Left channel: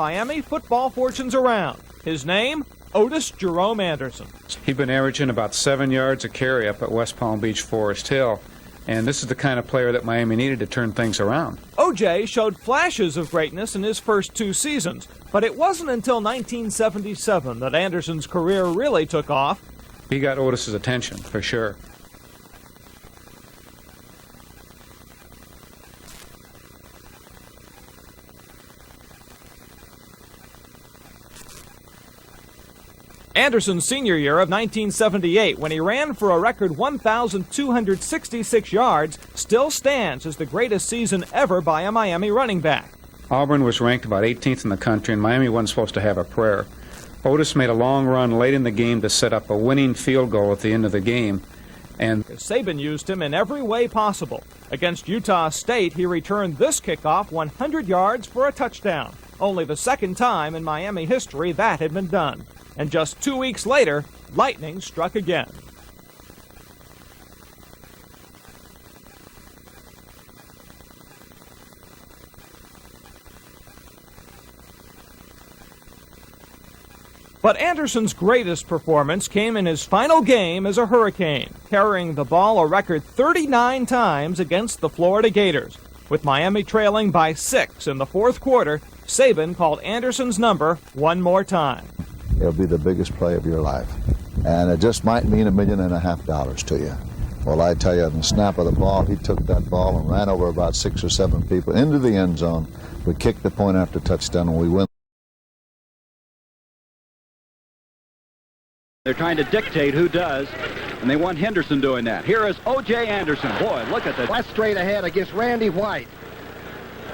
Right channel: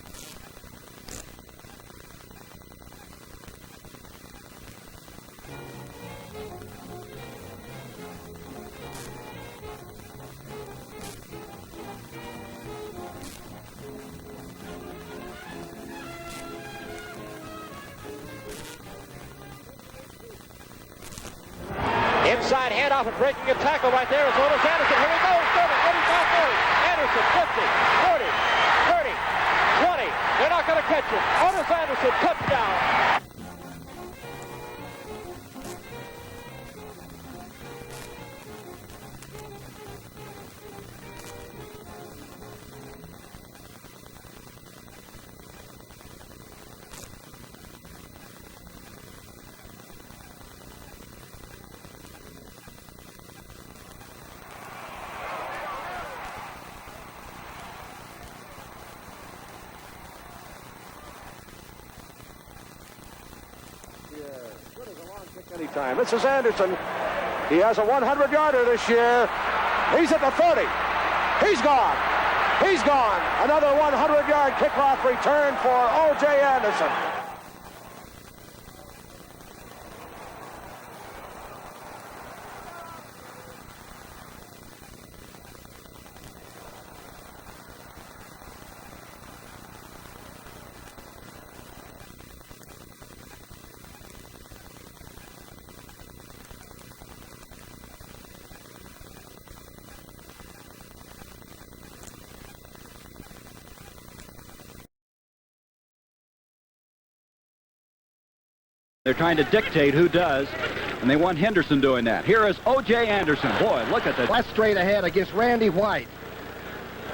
Miami football fortunes around. His name, Otis Jerome Anderson. He'd been averaging about 7 yards a carry up at West Palm Beach Forest Hill. And this is the kind of player that Miami needed to turn things around. O.J. showed flashes of greatness in his first 2 seasons, but it wasn't until 1977 that Anderson's career really took off. He got Otis's attention, for sure. Inside handoff and breaking a tackle right there is Otis Anderson. Here he goes, 30, 35, 40. Anderson, 50, 40, 30, 20. They're not going to catch him. Otis Anderson, touchdown. Anderson's senior year of 1978, when he ran for a record 1,266 yards, still stands as the greatest season ever by a Miami running back. Auburn was ranked about 18th in the country, and Miami wasn't supposed to have a prayer. Otis made a long run late in the game to set up a winning field goal at the end of the game. And Saban used him in every way possible. Against Utah State, he returned this kickoff 100 yards for a touchdown. Only the second time in Miami history that had been done. And just 2 weeks later, lightning struck again. This is Anderson. He has a 100-yarder this year. He's at the 30. He's gone. He's gone. Another 100-yard kickoff return for O.J. Anderson. But Anderson's greatest performance came in his final game as a Hurricane, carrying the ball a record 39 times against the Florida Gators. With Miami trailing by 6 in the fourth quarter, Saban called Anderson's number one more time. It'll be the biggest play of your life. And it just might mean $1.5 million to you. Well, I tell you, in the snap of the ball, he took that ball and ran over about 6 or 7 people into the end zone. We kicked the point after touchdown, and we win. They're trying to dictate who does, and they want Henderson doing that. Here is O.J. Anderson. Boy, look at that. That's straight ahead against Randy White.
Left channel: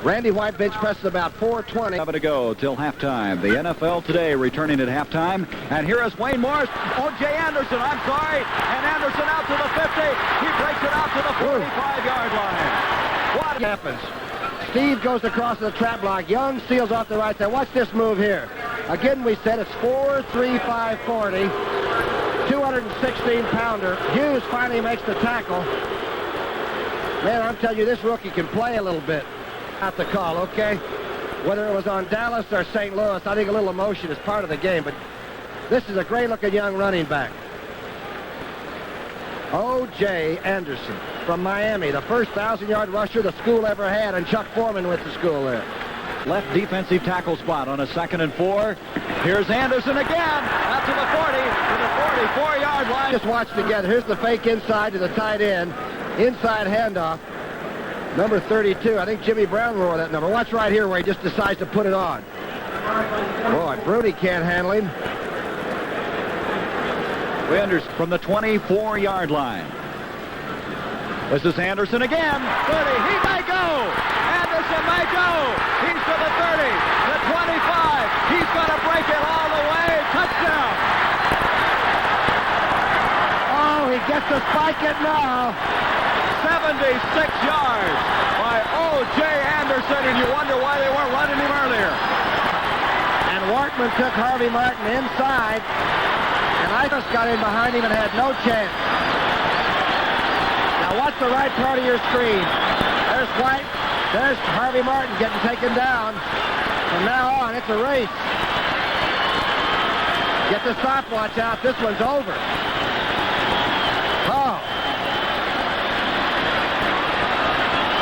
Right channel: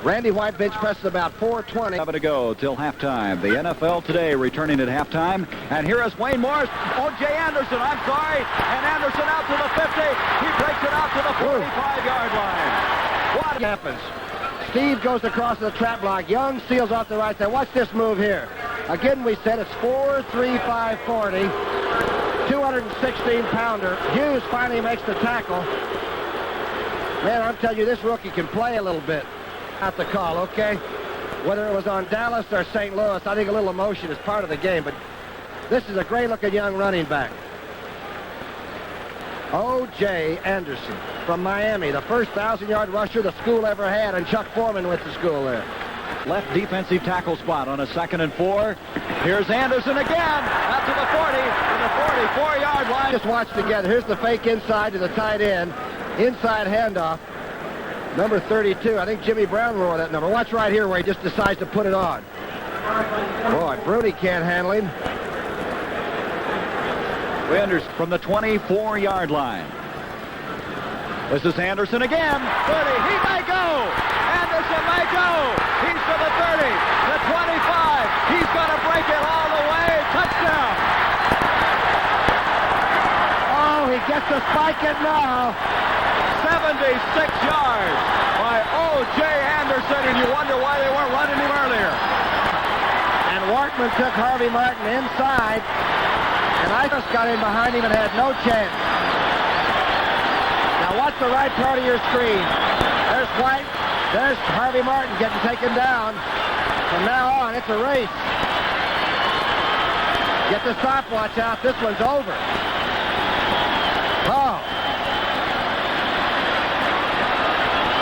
Randy White bench presses about 420. 7 to go till halftime. The NFL today returning at halftime. And here is Wayne Morris. O.J. Anderson, I'm sorry. And Anderson out to the 50. He breaks it out to the 45-yard line. What happens? Steve goes across the trap block. Young steals off the right side. Watch this move here. Again, we said it's 4.35 40. 216-pounder. Hughes finally makes the tackle. Man, I'm telling you, this rookie can play a little bit. Out the call, okay? Whether it was on Dallas or St. Louis, I think a little emotion is part of the game, but this is a great-looking young running back. O.J. Anderson from Miami, the first 1,000-yard rusher the school ever had, and Chuck Foreman went to school there. Left defensive tackle spot on a 2nd and 4. Here's Anderson again, out to the 40, to the 44-yard line. Just watch together. Here's the fake inside to the tight end, inside handoff. Number 32, I think Jimmy Brown wore that number. Watch right here where he just decides to put it on. Boy, Brody can't handle him. Anderson from the 24-yard line. This is Anderson again. 30, he may go. Anderson may go. He's to the 30, the 25. He's going to break it all the way. Touchdown. Oh, he gets to spike it now. 76 yards by O.J. Anderson, and you wonder why they weren't running him earlier. And Workman took Harvey Martin inside, and I just got in behind him and had no chance. Now watch the right part of your screen. There's White. There's Harvey Martin getting taken down. From now on, it's a race. Get the stopwatch out. This one's over. Oh.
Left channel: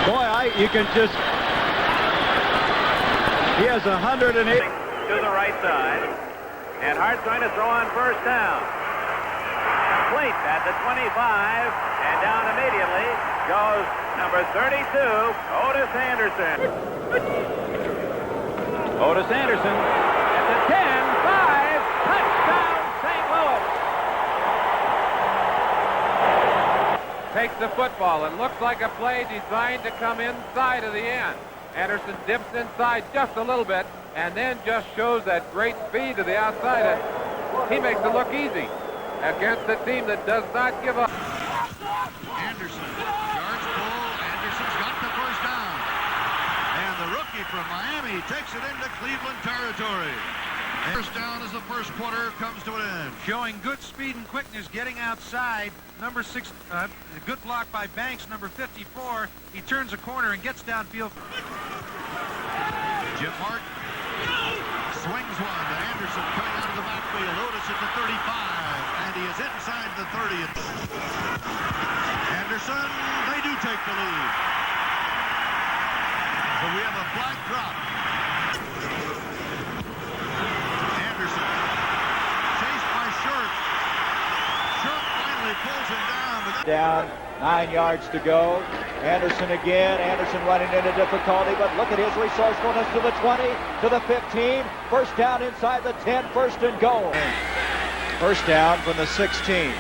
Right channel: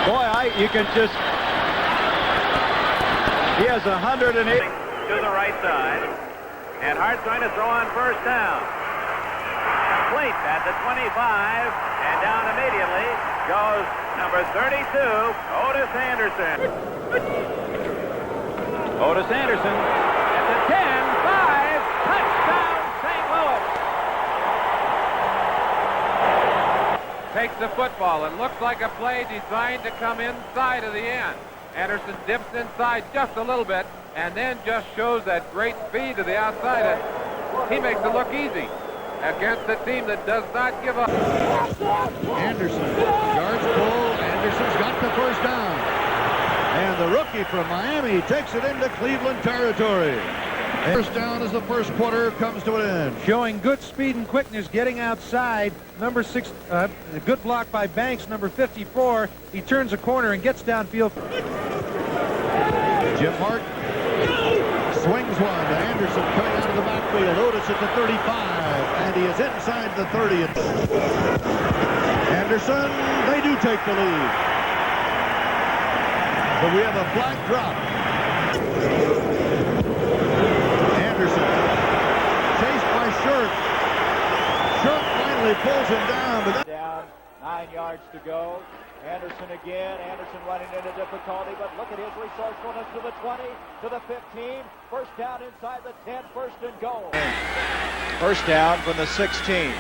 Boy, you can just... He has 108. To the right side. And Hart's going to throw on first down. Complete at the 25. And down immediately goes number 32, Otis Anderson. Otis Anderson at the 10, 5, touchdown St. Louis. Takes the football. It looks like a play designed to come inside of the end. Anderson dips inside just a little bit and then just shows that great speed to the outside. And he makes it look easy against a team that does not give up. Anderson, yards pull. Anderson's got the first down. And the rookie from Miami takes it into Cleveland territory. First down as the first quarter comes to an end. Showing good speed and quickness, getting outside. Number 6, a good block by Banks, number 54. He turns a corner and gets downfield. Jim Hart swings one to Anderson coming out of the backfield. Otis at the 35, and he is inside the 30. Anderson, they do take the lead. So we have a flag drop. Anderson, chased by Shirk. Shirk finally pulls him down, but down, 9 yards to go. Anderson again. Anderson running into difficulty, but look at his resourcefulness to the 20, to the 15. First down inside the 10, first and goal. First down from the 16.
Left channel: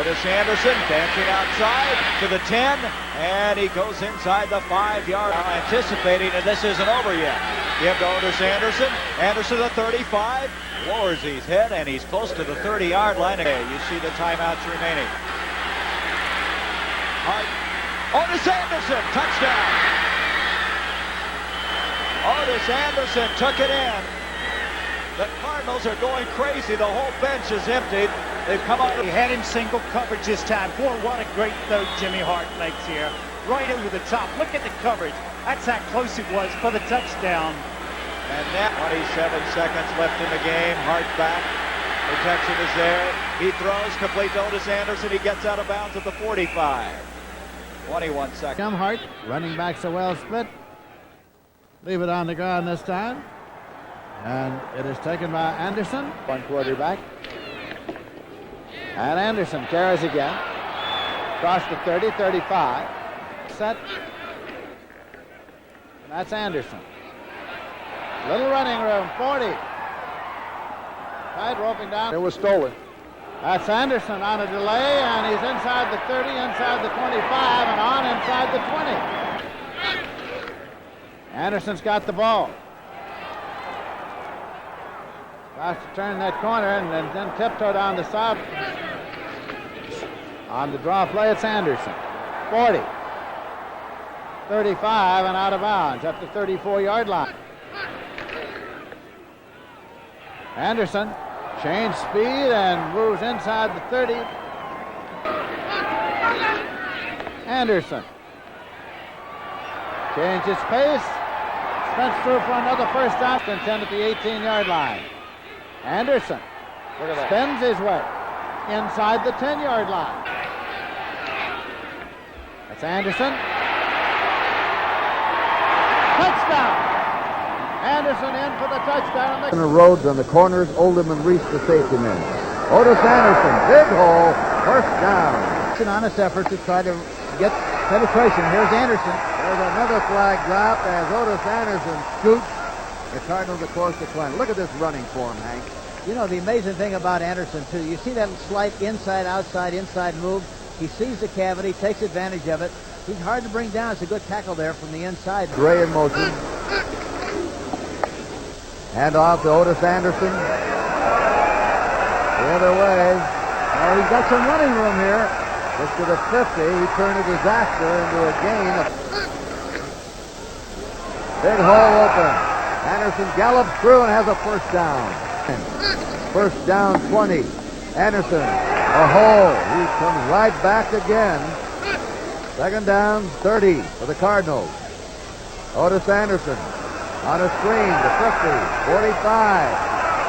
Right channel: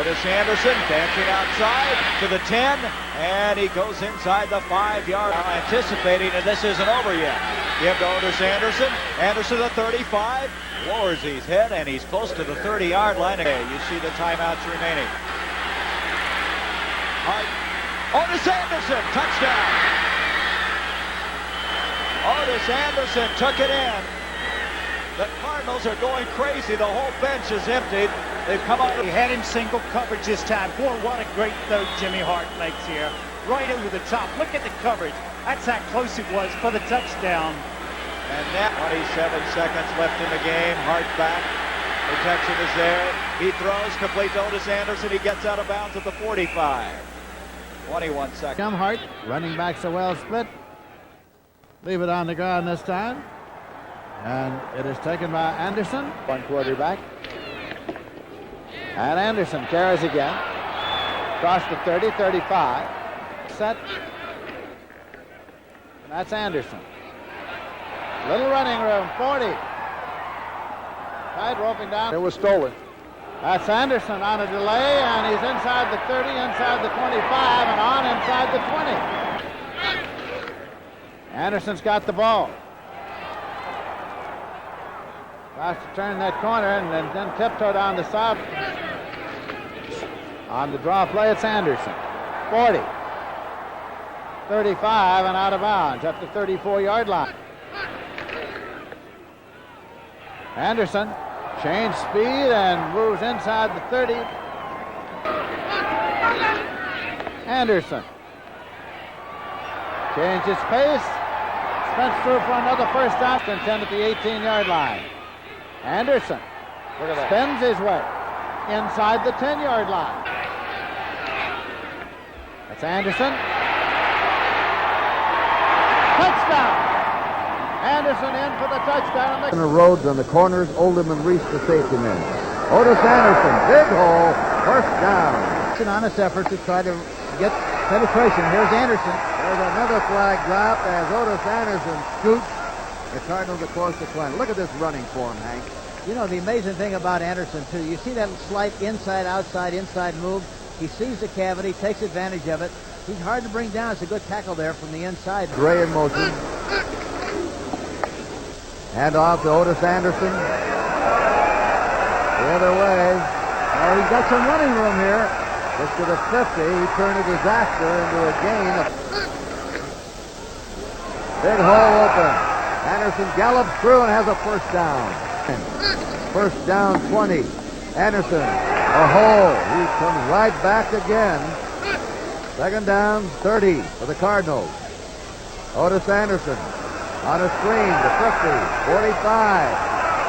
Otis Anderson dancing outside to the 10, and he goes inside the 5-yard line, anticipating that this isn't over yet. Give to Otis Anderson. Anderson the 35, lowers his head, and he's close to the 30-yard line. You see the timeouts remaining. Otis Anderson, touchdown. Otis Anderson took it in. The Cardinals are going crazy. The whole bench is emptied. They've come out. He had him single coverage this time. Boy, what a great throw Jimmy Hart makes here. Right over the top. Look at the coverage. That's how close it was for the touchdown. And now 27 seconds left in the game. Hart back. Protection is there. He throws complete to Otis Anderson. He gets out of bounds at the 45. 21 seconds. Jim Hart, running backs are well split. Leave it on the ground this time. And it is taken by Anderson. One quarterback. And Anderson carries again. Across the 30, 35. Set. And that's Anderson. Little running room, 40. Tight roping down. It was stolen. That's Anderson on a delay, and he's inside the 30, inside the 25, and on inside the 20. Anderson's got the ball. Tries to turn that corner and then tiptoe down the side. On the draw play, it's Anderson. 40. 35 and out of bounds at the 34-yard line. Anderson changed speed and moves inside the 30. Anderson changes pace. Sprints through for another first down. Intended at the 18-yard line. Anderson spins his way inside the 10-yard line. That's Anderson. Touchdown! Anderson in for the touchdown. In the roads on the corners, Oldham and Reese the safety men. Otis Anderson, big hole, first down. It's an honest effort to try to get penetration. Here's Anderson. There's another flag drop as Otis Anderson scoots. The Cardinals, of course, decline. Look at this running form, Hank. You know, the amazing thing about Anderson, too, you see that slight inside, outside, inside move. He sees the cavity, takes advantage of it. He's hard to bring down. It's a good tackle there from the inside. Gray in motion. Hand off to Otis Anderson. The other way. Oh, he's got some running room here. Gets to the 50. He turned a disaster into a gain. Big hole open. Anderson gallops through and has a first down. First down 20. Anderson, a hole. He comes right back again. Second down 30 for the Cardinals. Otis Anderson on a screen to 50, 45.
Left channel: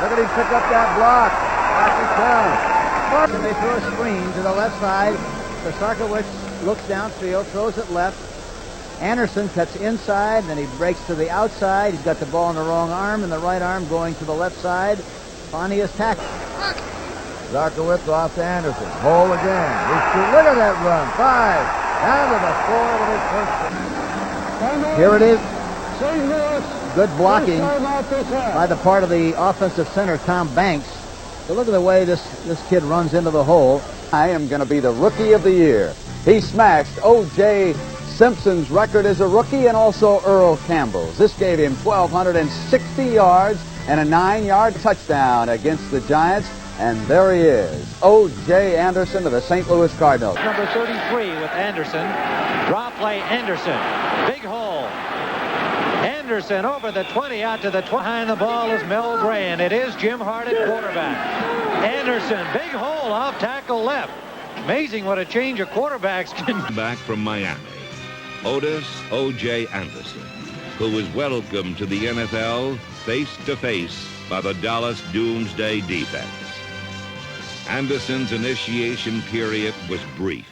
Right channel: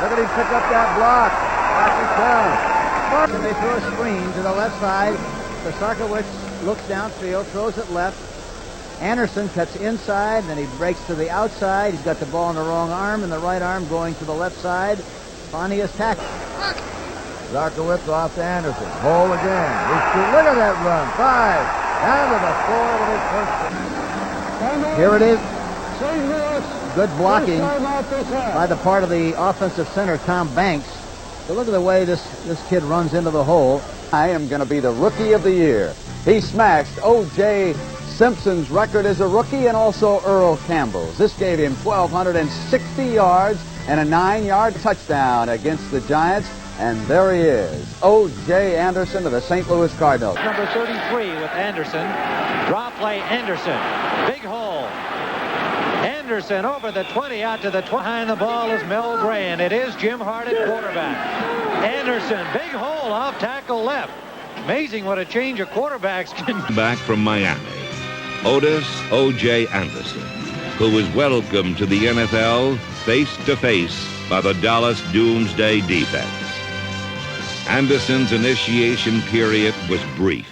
Look at him pick up that block. Back he comes. And they throw a screen to the left side. Kosarkowicz looks downfield, throws it left. Anderson cuts inside, then he breaks to the outside. He's got the ball in the wrong arm, and the right arm going to the left side. Bonnie is tackled. Zarkowitz off to Anderson. Hole again. Look at that run. 5. Down to the 4 with his first. Here it is. Good blocking by the part of the offensive center, Tom Banks. But look at the way this kid runs into the hole. I am going to be the Rookie of the Year. He smashed O.J. Simpson's record as a rookie and also Earl Campbell's. This gave him 1,260 yards and a 9-yard touchdown against the Giants. And there he is, O.J. Anderson of the St. Louis Cardinals. Number 33 with Anderson. Draw play Anderson. Big hole. Anderson over the 20 out to the 20. Behind the ball is Mel Gray, and it is Jim Hart at quarterback. Anderson, big hole off tackle left. Amazing what a change of quarterbacks can. Back from Miami, Otis O.J. Anderson, who was welcomed to the NFL face-to-face by the Dallas Doomsday defense. Anderson's initiation period was brief.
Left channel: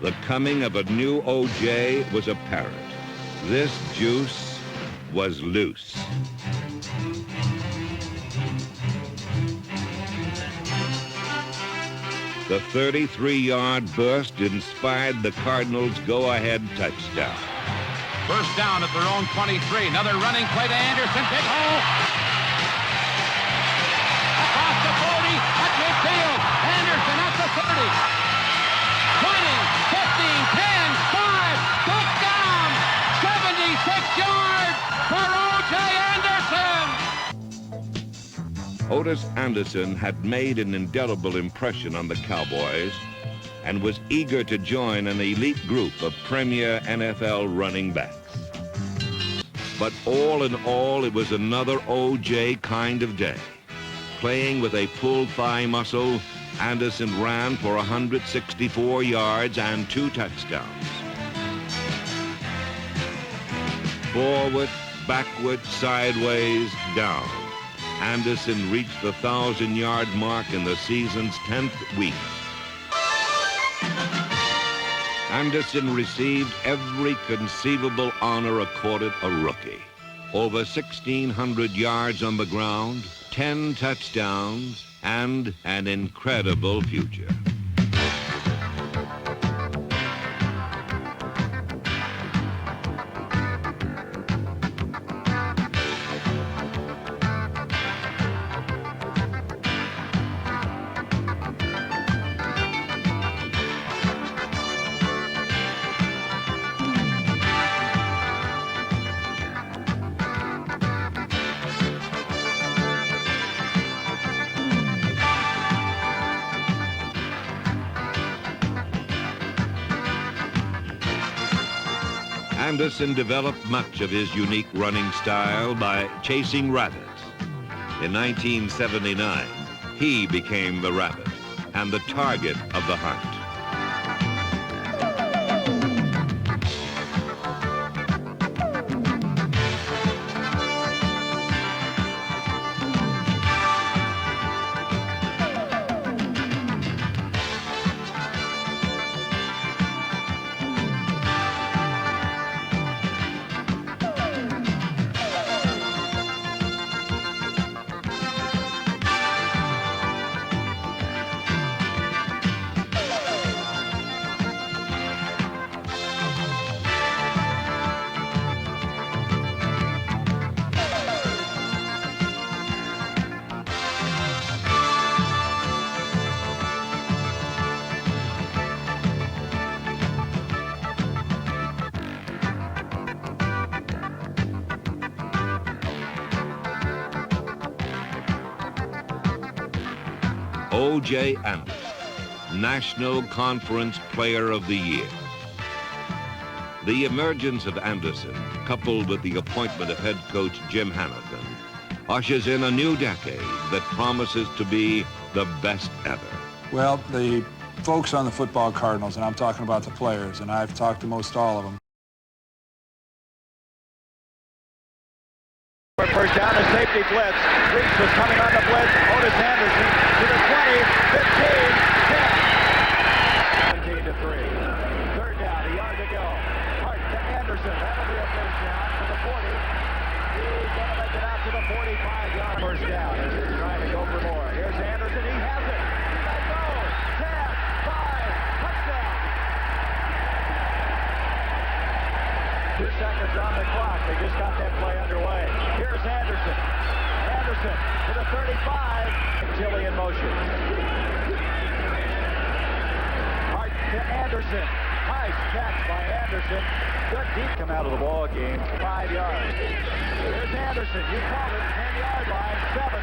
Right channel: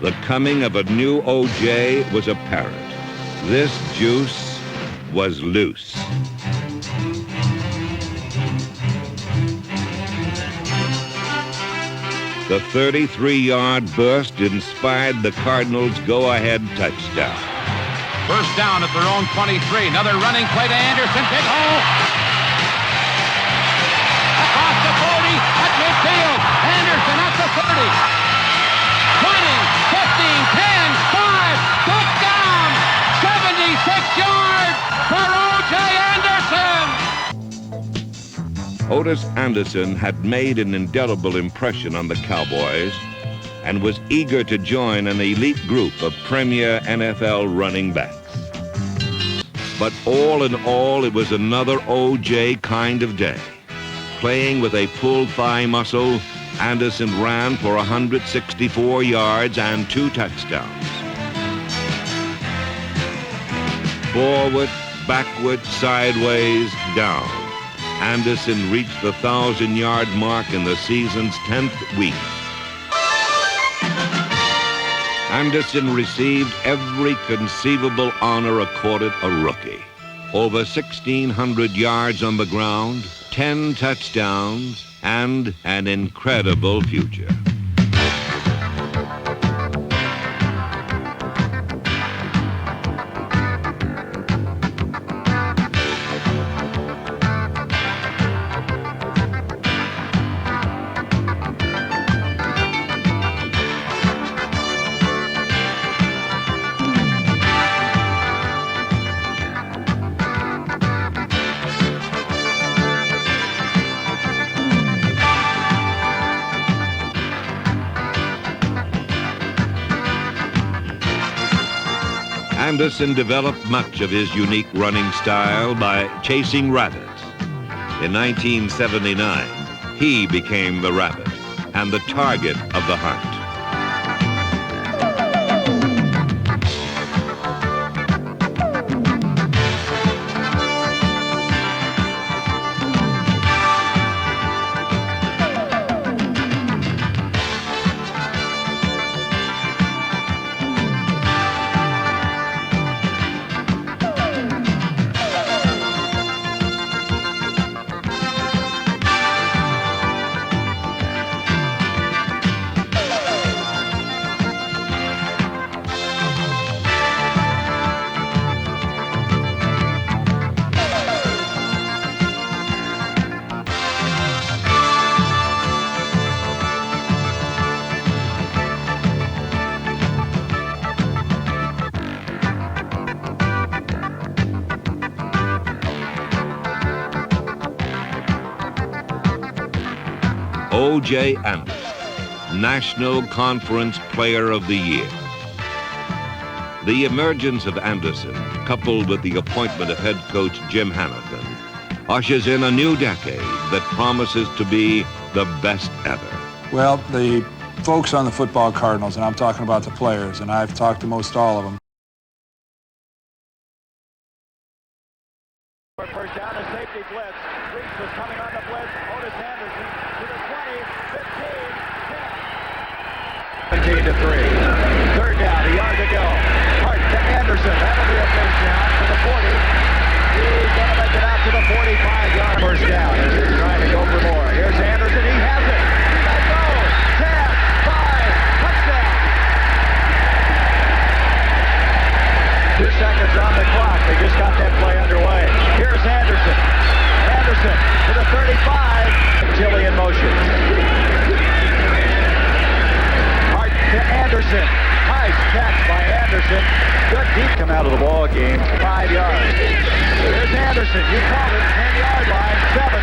The coming of a new O.J. was apparent. This juice was loose. The 33-yard burst inspired the Cardinals' go-ahead touchdown. First down at their own 23. Another running play to Anderson. Big hole. Across the 40 at midfield. Anderson at the 30. 20, 15, 10, 5. Touchdown. 76 yards for O.J. Anderson. Otis Anderson had made an indelible impression on the Cowboys and was eager to join an elite group of premier NFL running backs. But all in all, it was another O.J. kind of day. Playing with a pulled thigh muscle, Anderson ran for 164 yards and 2 touchdowns. Forward, backward, sideways, down. Anderson reached the 1,000-yard mark in the season's 10th week. Anderson received every conceivable honor accorded a rookie. Over 1,600 yards on the ground, 10 touchdowns, and an incredible future. Anderson developed much of his unique running style by chasing rabbits. In 1979, he became the rabbit and the target of the hunt. O.J. Anderson, National Conference Player of the Year. The emergence of Anderson, coupled with the appointment of head coach Jim Hannigan, ushers in a new decade that promises to be the best ever. Well, the folks on the football Cardinals, and I'm talking about the players, and I've talked to most all of them. First down, a safety blitz. Reese was coming on the blitz. Otis Anderson to the 20, 15, 10. 17 to 3. Third down, a yard to go. Hart to Anderson. That'll be a first down to the 40. He's going to make it out to the 45-yard. First down as he's trying to go for more. Here's Anderson. He has it. He might go. 10, 5, touchdown. 2 seconds on the clock. They just got that play underway. Here's Anderson. Anderson to the 35. Tilly in motion. Hart to Anderson. Nice catch by Anderson. Good deep come out of the ball game. 5 yards. Here's Anderson. You called it. 10-yard line. 7.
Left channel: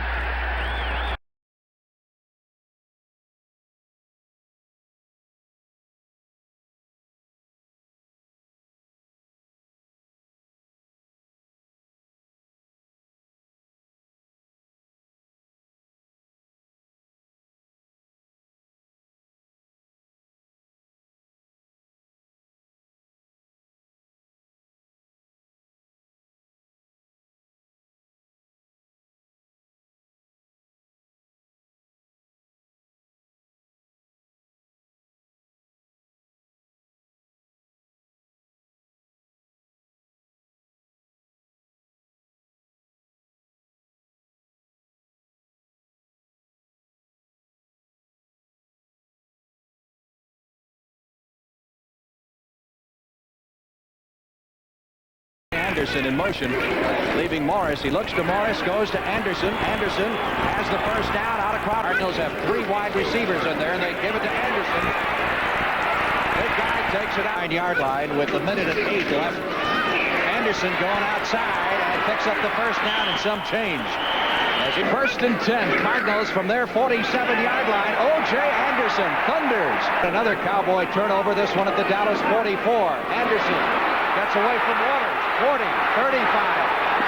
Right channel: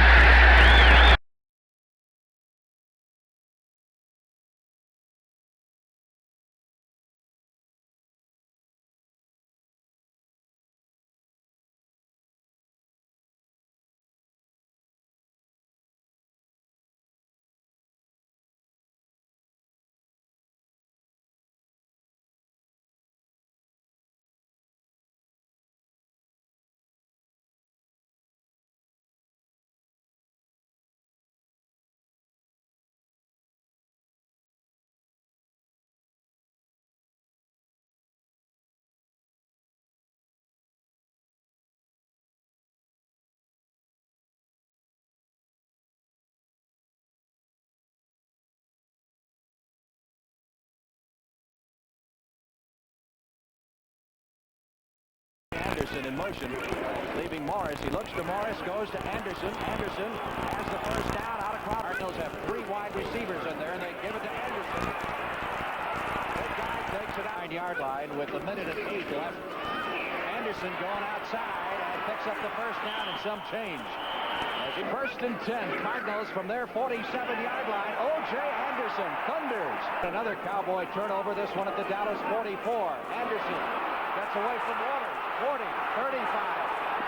Anderson in motion, leaving Morris. He looks to Morris, goes to Anderson. Anderson has the first down out of Cardinals have 3 wide receivers in there, and they give it to Anderson. Big guy takes it 9-yard line with a minute and 8 left. Anderson going outside and picks up the first down and some change. As he 1st and 10, Cardinals from their 47-yard line. O.J. Anderson thunders. Another Cowboy turnover, this one at the Dallas 44. Anderson gets away from Waters. 40, 35.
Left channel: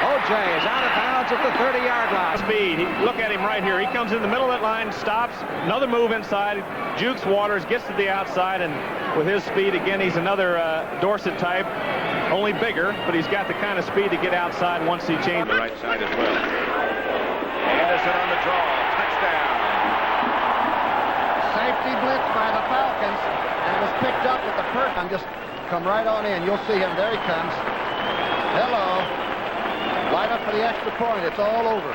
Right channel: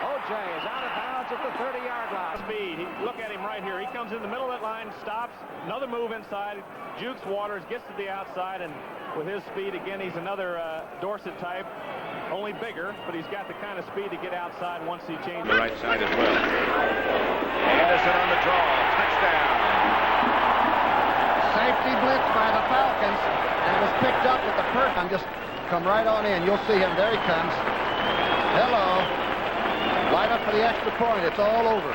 O.J. is out of bounds at the 30-yard line. Speed. Look at him right here. He comes in the middle of that line, stops, another move inside, jukes Waters, gets to the outside, and with his speed, again, he's another Dorsett type. Only bigger, but he's got the kind of speed to get outside once he changes. The right side as well. Anderson on the draw. Touchdown. Safety blitz by the Falcons, and it was picked up with the first. Just come right on in. You'll see him. There he comes. Hello. Line up for the extra point. It's all over.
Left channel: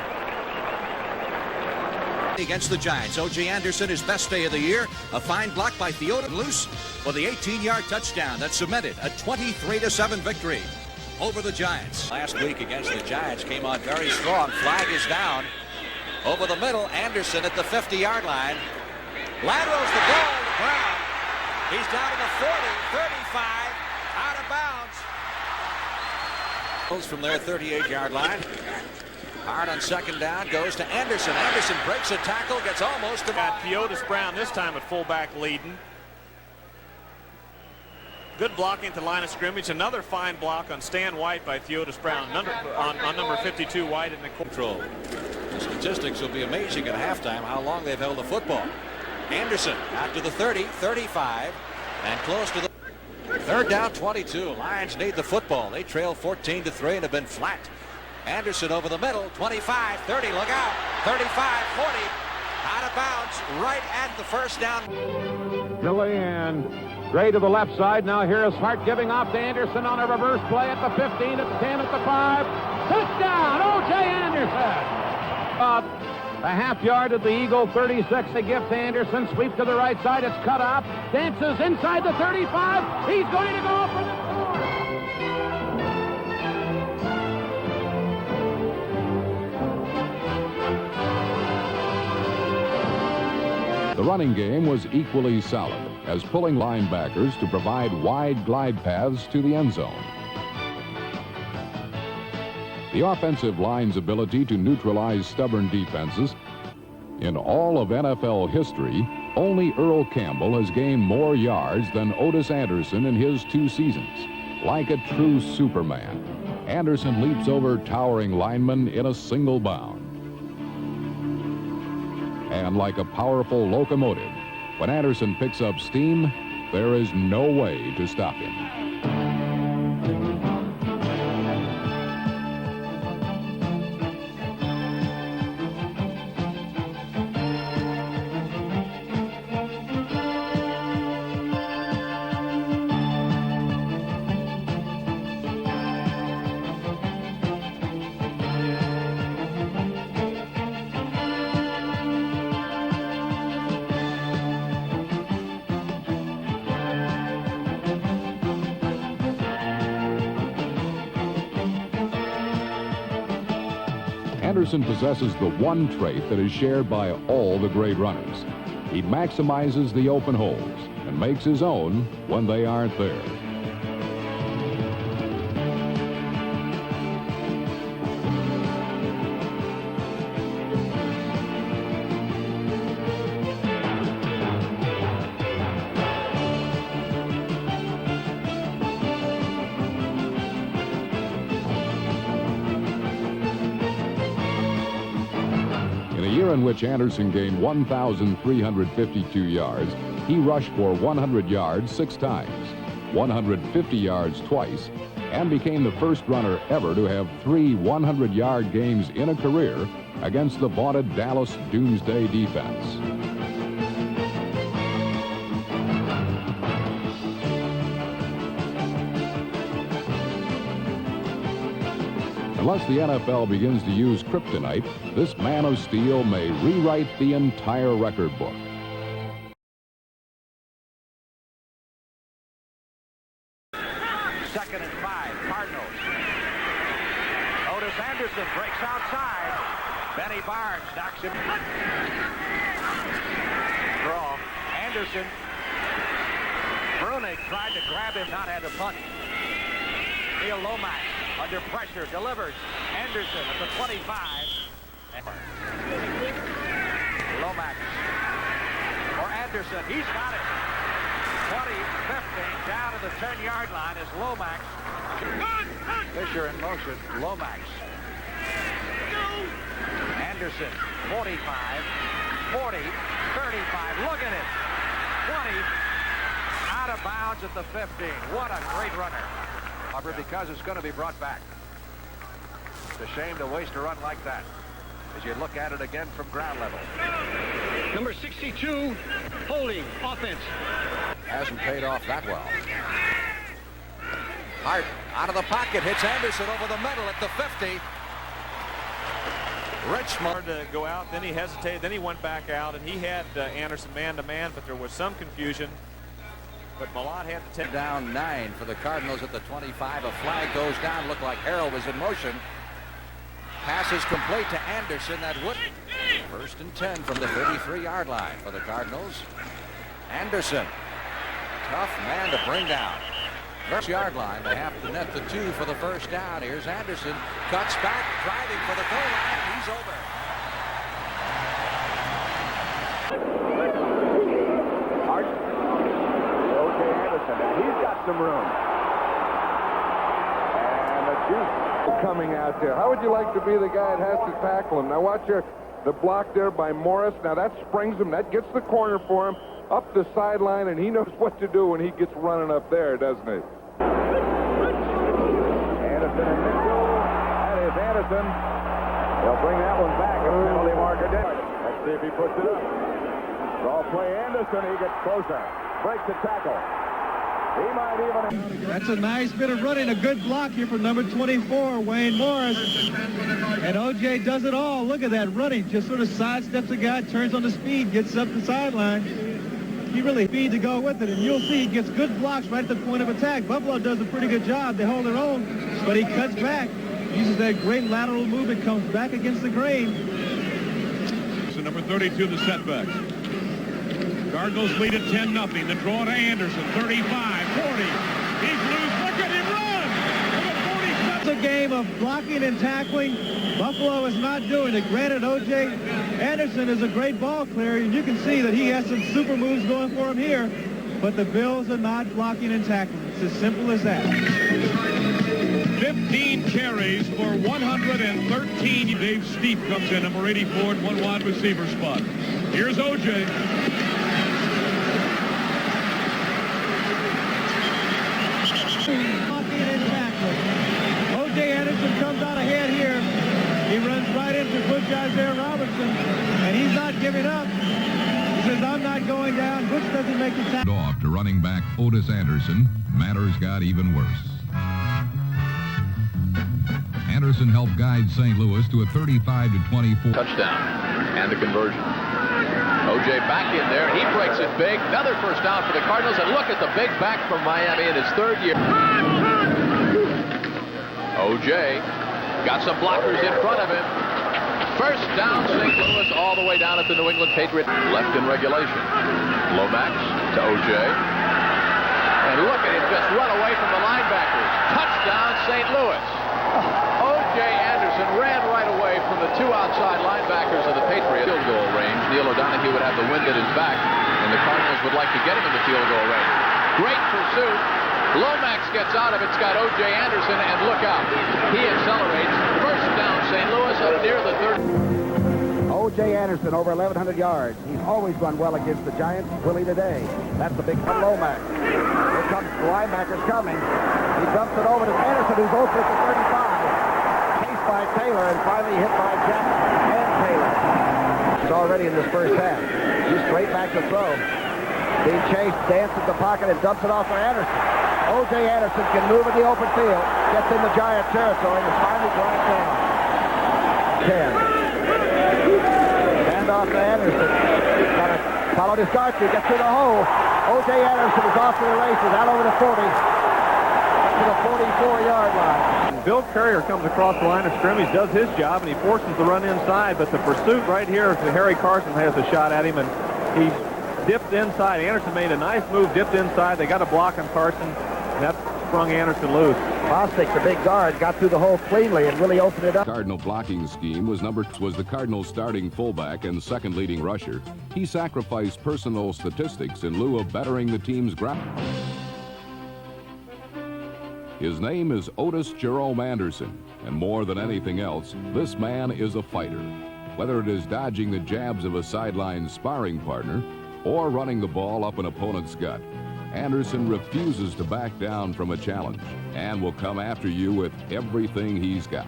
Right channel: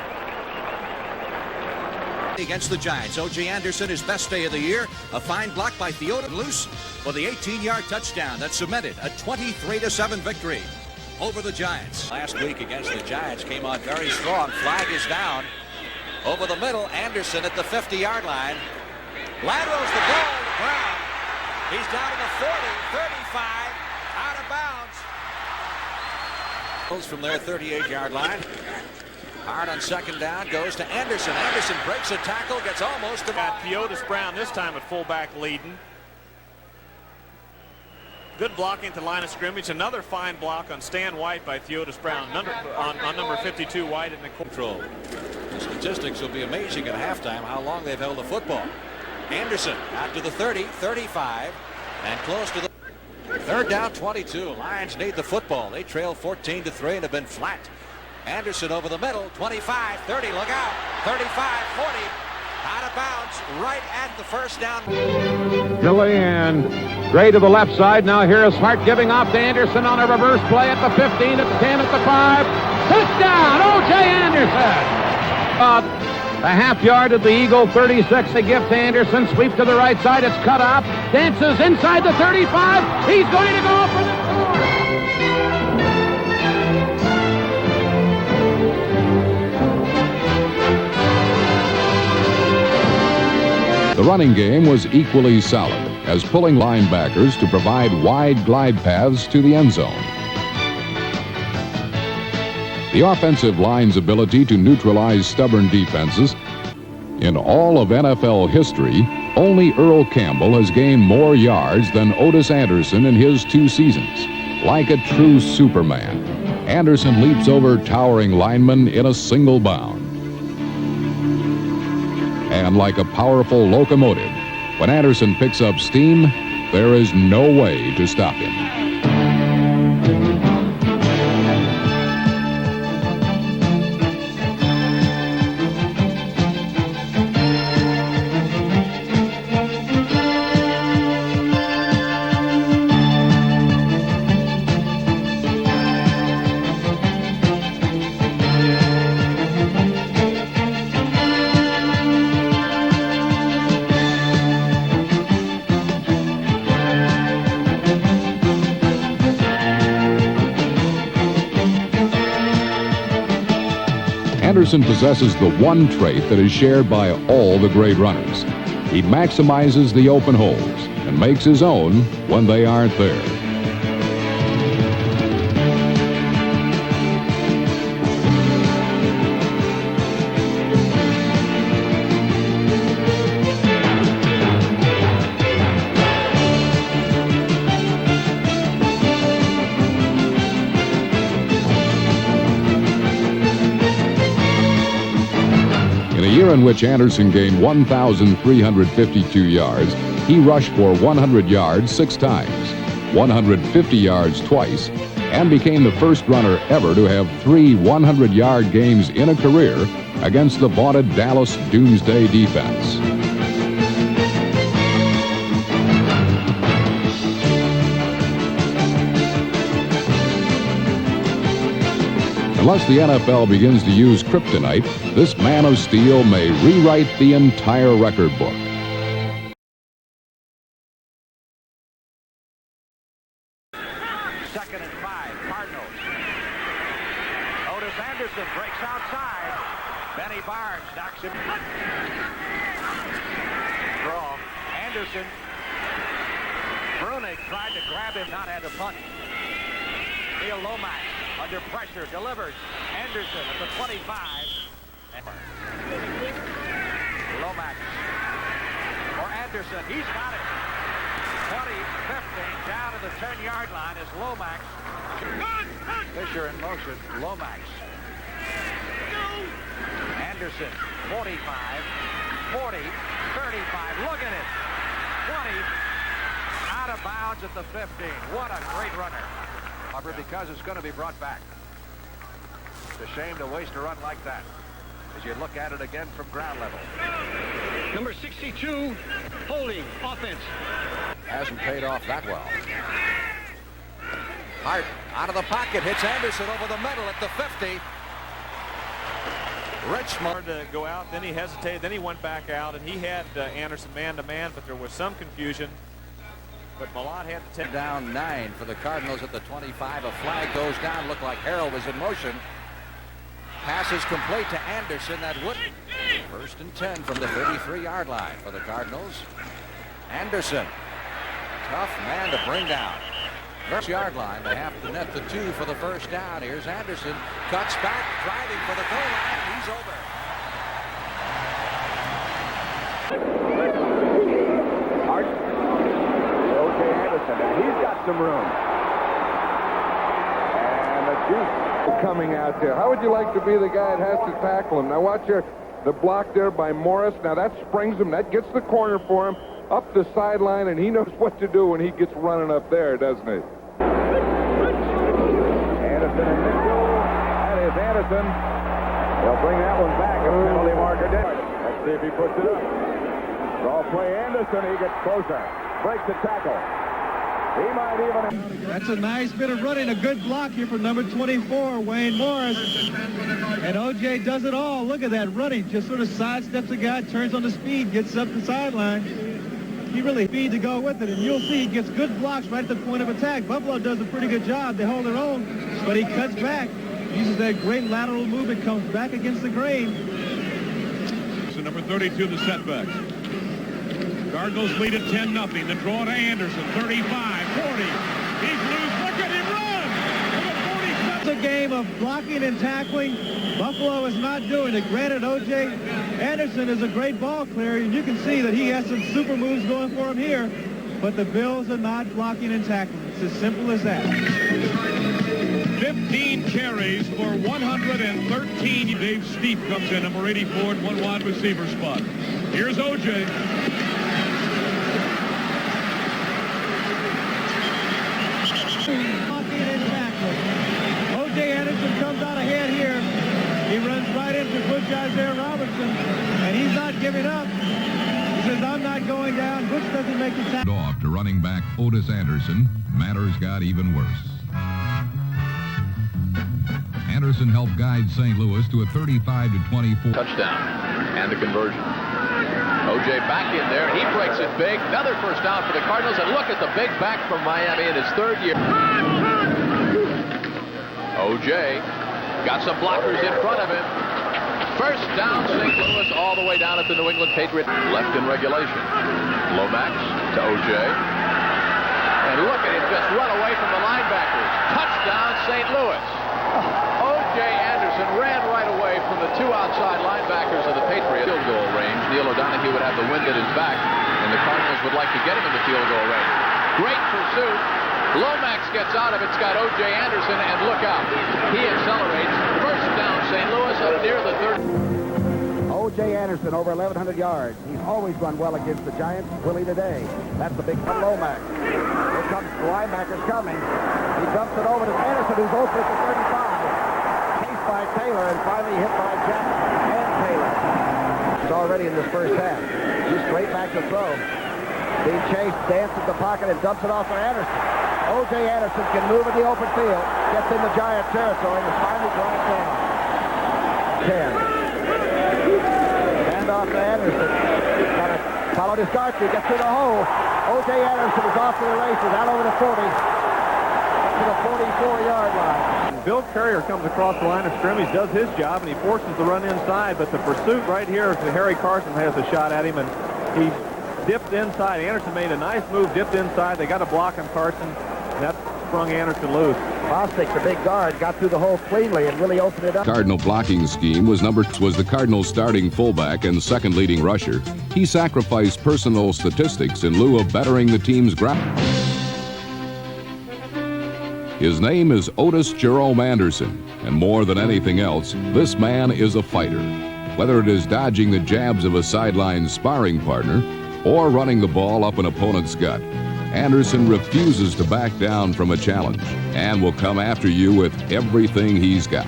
Against the Giants, O.J. Anderson, his best day of the year. A fine block by Theodore loose for the 18-yard touchdown that cemented a 23-7 victory over the Giants. Last week against the Giants came on very strong. Flag is down. Over the middle, Anderson at the 50-yard line. Laterals the ball to the ground. He's down to the 40, 35, out of bounds. From their 38-yard line. Hard on 2nd down, goes to Anderson. Anderson breaks a tackle, gets almost to got Theodis Brown this time at fullback leading. Good blocking at the line of scrimmage. Another fine block on Stan White by Theodis Brown. On number 52, White in the control. The statistics will be amazing at halftime how long they've held the football. Anderson out to the 30, 35, and close to the 3rd down, 22. Lions need the football. They trail 14-3 and have been flat. Anderson over the middle, 25, 30, look out, 35, 40, out of bounds, right at the first down. Billy and Gray to the left side. Now here's Hart giving off to Anderson on a reverse play at the 15, at the 10, at the 5. Touchdown, O.J. Anderson. A half yard at the Eagle, 36. They give to Anderson, sweep to the right side, it's cut off, dances inside the 35. He's going to go for the score. The running game was equally solid, as pulling linebackers to provide wide glide paths to the end zone. The offensive line's ability to neutralize stubborn defenses. In all of NFL history, only Earl Campbell has gained more yards than Otis Anderson in his 2 seasons. Like a true Superman, Anderson leaps over towering linemen in a single bound. And like a powerful locomotive, when Anderson picks up steam, there is no way to stop him. Anderson possesses the one trait that is shared by all the great runners. He maximizes the open holes and makes his own when they aren't there. In which Anderson gained 1,352 yards, he rushed for 100 yards 6 times, 150 yards twice, and became the first runner ever to have 3 100-yard games in a career against the vaunted Dallas Doomsday defense. Unless the NFL begins to use kryptonite, this man of steel may rewrite the entire record book. Second and 5, Cardinals. Anderson breaks outside. Benny Barnes knocks him. Draw. Anderson. Brunig tried to grab him, not had a punch. Neil Lomax under pressure delivers. Anderson at the 25. Lomax for Anderson. He's got it. 20-15 down to the 10-yard line is Lomax. Fisher in motion. Lomax. Anderson. 45. 40. 35. Look at it. 20. Out of bounds at the 15. What a great runner. Because it's going to be brought back. It's a shame to waste a run like that as you look at it again from ground level. Number 62, holding, offense. Hasn't paid off that well. Hart out of the pocket, hits Anderson over the middle at the 50. Richmond to go out, then he hesitated, then he went back out, and he had Anderson man-to-man, but there was some confusion. But Malott had to take down 9 for the Cardinals at the 25. A flag goes down. Looked like Harrell was in motion. Pass is complete to Anderson. That would. 1st and 10 from the 33-yard line for the Cardinals. Anderson. Tough man to bring down. 1st-yard line. They have to net the 2 for the 1st down. Here's Anderson. Cuts back, driving for the goal line. He's over. Coming out there. How would you like to be the guy that has to tackle him? Now watch here, the block there by Morris. Now that springs him. That gets the corner for him up the sideline, and he knows what to do when he gets running up there, doesn't he? Anderson and Mitchell. That is Anderson. They'll bring that one back. A penalty marker down. Let's see if he puts it up. Ball play Anderson. He gets closer. Breaks the tackle. That's a nice bit of running, a good block here from number 24, Wayne Morris. And O.J. does it all. Look at that running. Just sort of sidesteps the guy, turns on the speed, gets up the sideline. He really speed to go with it, and you'll see he gets good blocks right at the point of attack. Buffalo does a pretty good job. They hold their own, but he cuts back, uses that great lateral movement, comes back against the grain. So number 32, the setbacks. Cardinals lead at 10-0. The draw to Anderson, 35, 40. He's loose. Look at him run! It's a game of blocking and tackling. Buffalo is not doing it. Granted, O.J. Anderson is a great ball clearer, and you can see that he has some super moves going for him here. But the Bills are not blocking and tackling. It's as simple as that. 15 carries for 113. Dave Steep comes in, number 84, at one wide receiver spot. Here's O.J. O.J. Anderson comes out ahead here. He runs right into Butch Isaiah Robinson, and he's not giving up. He says, I'm not going down. Butch doesn't make the tackle. Off to running back Otis Anderson. Matters got even worse. Anderson helped guide St. Louis to a 35-24 touchdown and the conversion. O.J. back in there. He breaks it big. Another 1st down for the Cardinals. And look at the big back from Miami in his 3rd year. O.J. got some blockers in front of him. 1st down, St. Louis, all the way down at the New England Patriots. Left in regulation. Lomax to O.J. And look at him just run away from the linebackers. Touchdown, St. Louis. O.J. Anderson ran right away from the 2 outside linebackers of the Patriots. Field goal range. Neil O'Donoghue would have the wind at his back, and the Cardinals would like to get him in the field goal range. Great pursuit. Lomax gets out of it. It's got O.J. Anderson, and look out. He accelerates. 1st down, St. Louis, up near the 3rd. O.J. Anderson over 1,100 yards. He's always run well against the Giants. Will he today? That's the big one, Lomax. Here comes the linebackers coming. He dumps it over to Anderson, who's open at the 35. Chased by Taylor, and finally hit by Jackson and Taylor. It's already in this 1st half. He's straight back to throw. Being chased, dances the pocket, and dumps it off for Anderson. O.J. Anderson can move in the open field, gets in the Giant territory, and is finally brought down. 10. Hand off to Anderson. Got to follow his guard through, gets through the hole. O.J. Anderson is off to the races, out over the 40, to the 44-yard line. Bill Carrier comes across the line of scrimmage, does his job, and he forces the run inside. But the pursuit right here, Harry Carson has a shot at him, and he dipped inside. Anderson made a nice move, dipped inside. They got a block on Carson, and that sprung Anderson loose. Bostic, the big guard, got through the hole cleanly and really opened it up. Cardinal blocking scheme was the Cardinal starting fullback and second leading rusher. He sacrificed personal statistics in lieu of bettering the team's ground. His name is Otis Jerome Anderson, and more than anything else, this man is a fighter. Whether it is dodging the jabs of a sideline sparring partner or running the ball up an opponent's gut, Anderson refuses to back down from a challenge and will come after you with everything he's got.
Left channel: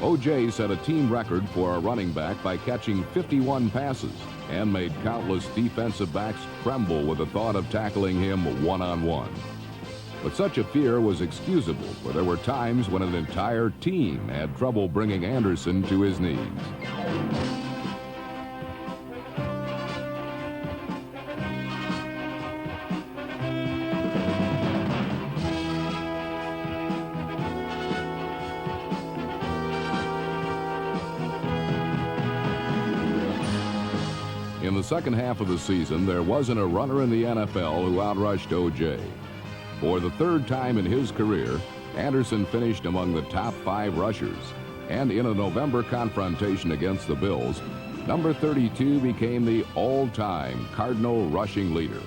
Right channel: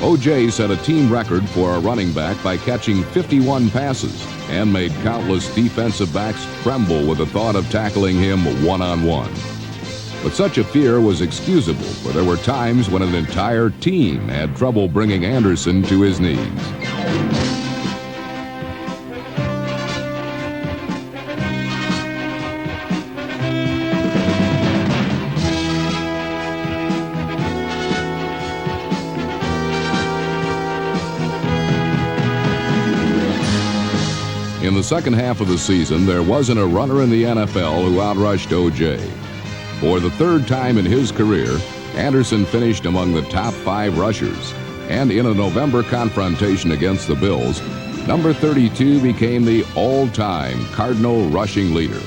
O.J. set a team record for a running back by catching 51 passes and made countless defensive backs tremble with the thought of tackling him one-on-one. But such a fear was excusable, for there were times when an entire team had trouble bringing Anderson to his knees. In the second half of the season, there wasn't a runner in the NFL who outrushed O.J. For the third time in his career, Anderson finished among the top 5 rushers. And in a November confrontation against the Bills, number 32 became the all-time Cardinal rushing leader.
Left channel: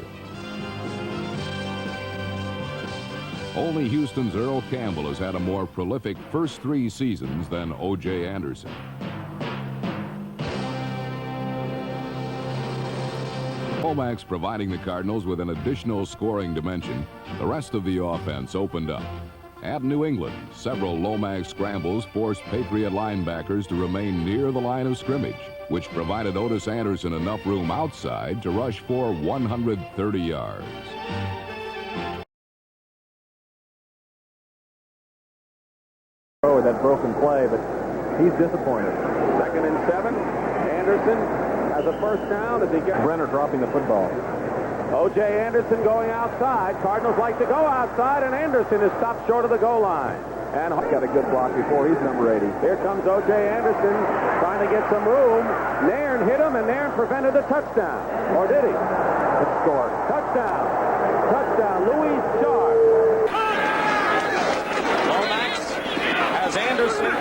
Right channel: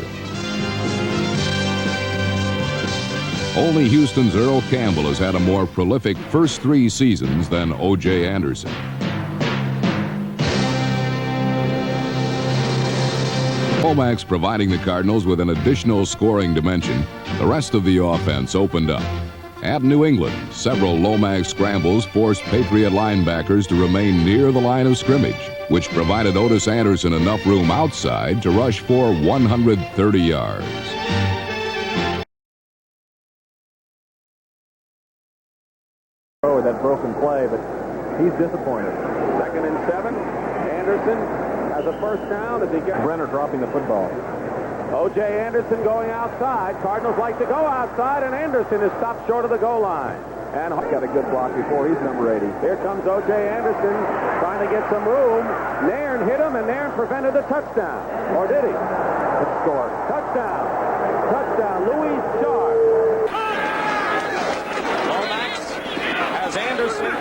Only Houston's Earl Campbell has had a more prolific first 3 seasons than O.J. Anderson. Lomax providing the Cardinals with an additional scoring dimension, the rest of the offense opened up. At New England, several Lomax scrambles forced Patriot linebackers to remain near the line of scrimmage, which provided Otis Anderson enough room outside to rush for 130 yards. With that broken play, but he's disappointed. 2nd and 7. Anderson has a first down as he gets Brenner dropping the football. O.J. Anderson going outside. Cardinals like to go outside, and Anderson is stopped short of the goal line. And got a good block before. He's number 80. Here comes O.J. Anderson trying to get some room. Nairn hit him, and Nairn prevented the touchdown. Or did he? Let's score. Touchdown. Touchdown. Louis Sharp. Lomax has Anderson.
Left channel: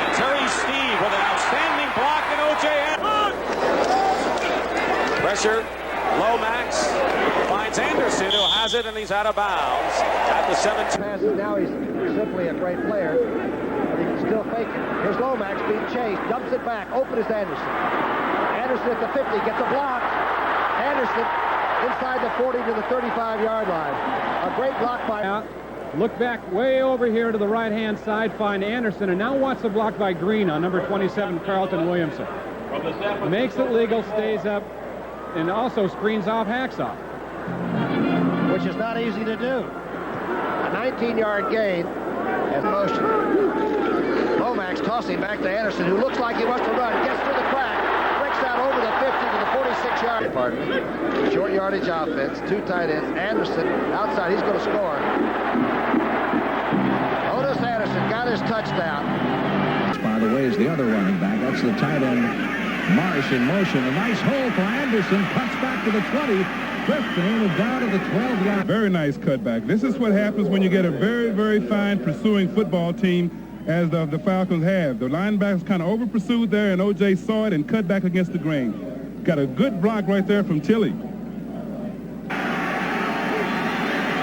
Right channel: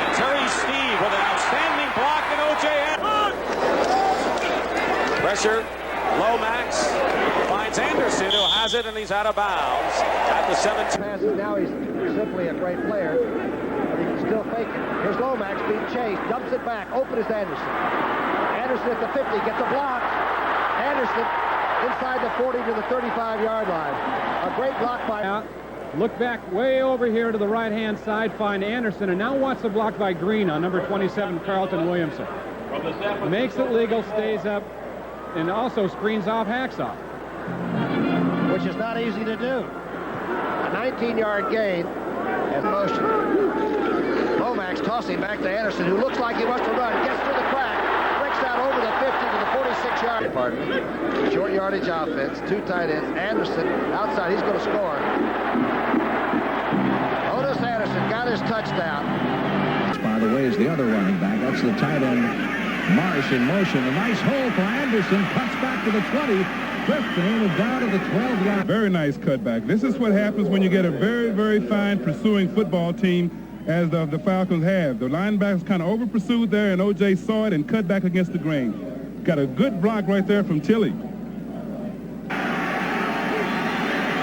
And Terry Steve with an outstanding block, and O.J. Pressure. Lomax finds Anderson, who has it, and he's out of bounds at the 17. Passes now, he's simply a great player, but he can still fake it. Here's Lomax being chased, dumps it back, open is Anderson. Anderson at the 50, gets a block. Anderson inside the 40 to the 35-yard line. A great block by... Look back way over here to the right-hand side, find Anderson, and now watch the block by Green on number 27, Carlton Williamson. Makes it legal, stays up, and also screens off Hacksaw. Which is not easy to do. A 19-yard gain and motion. Lomax tossing back to Anderson, who looks like he wants to run, gets through the crack, breaks out over the 50 to the 46-yard. Pardon me. Short yardage offense, 2 tight ends. Anderson outside, he's going to score. Otis Anderson got his touchdown. By the way, is the other running back. That's the tight end. Marsh in motion. A nice hole for Anderson. Cuts back to the 20. 15 and down to the 12-yard. Very nice cutback. This is what happens when you get a very, very fine pursuing football team as the Falcons have. The linebackers kind of over-pursued there, and O.J. saw it and cut back against the grain. Got a good block right there from Tilley.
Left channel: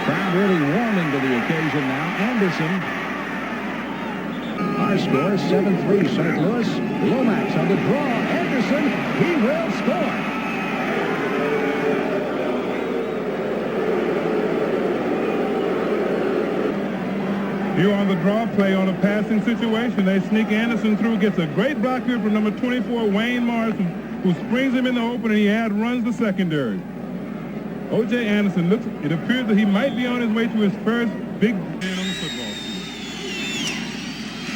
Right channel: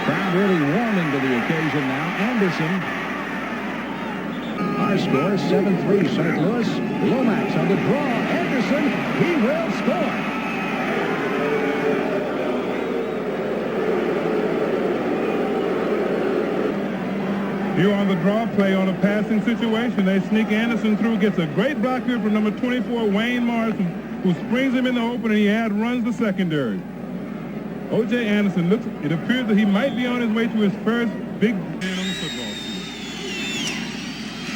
Crowd really warming to the occasion now. Anderson. Our score is 7-3 St. Louis. Lomax on the draw. Anderson, he will score. Here on the draw play on a passing situation, they sneak Anderson through, gets a great block here from number 24, Wayne Morris, who springs him in the open, and he runs the secondary. O.J. Anderson it appears that he might be on his way to his first big win on the football field.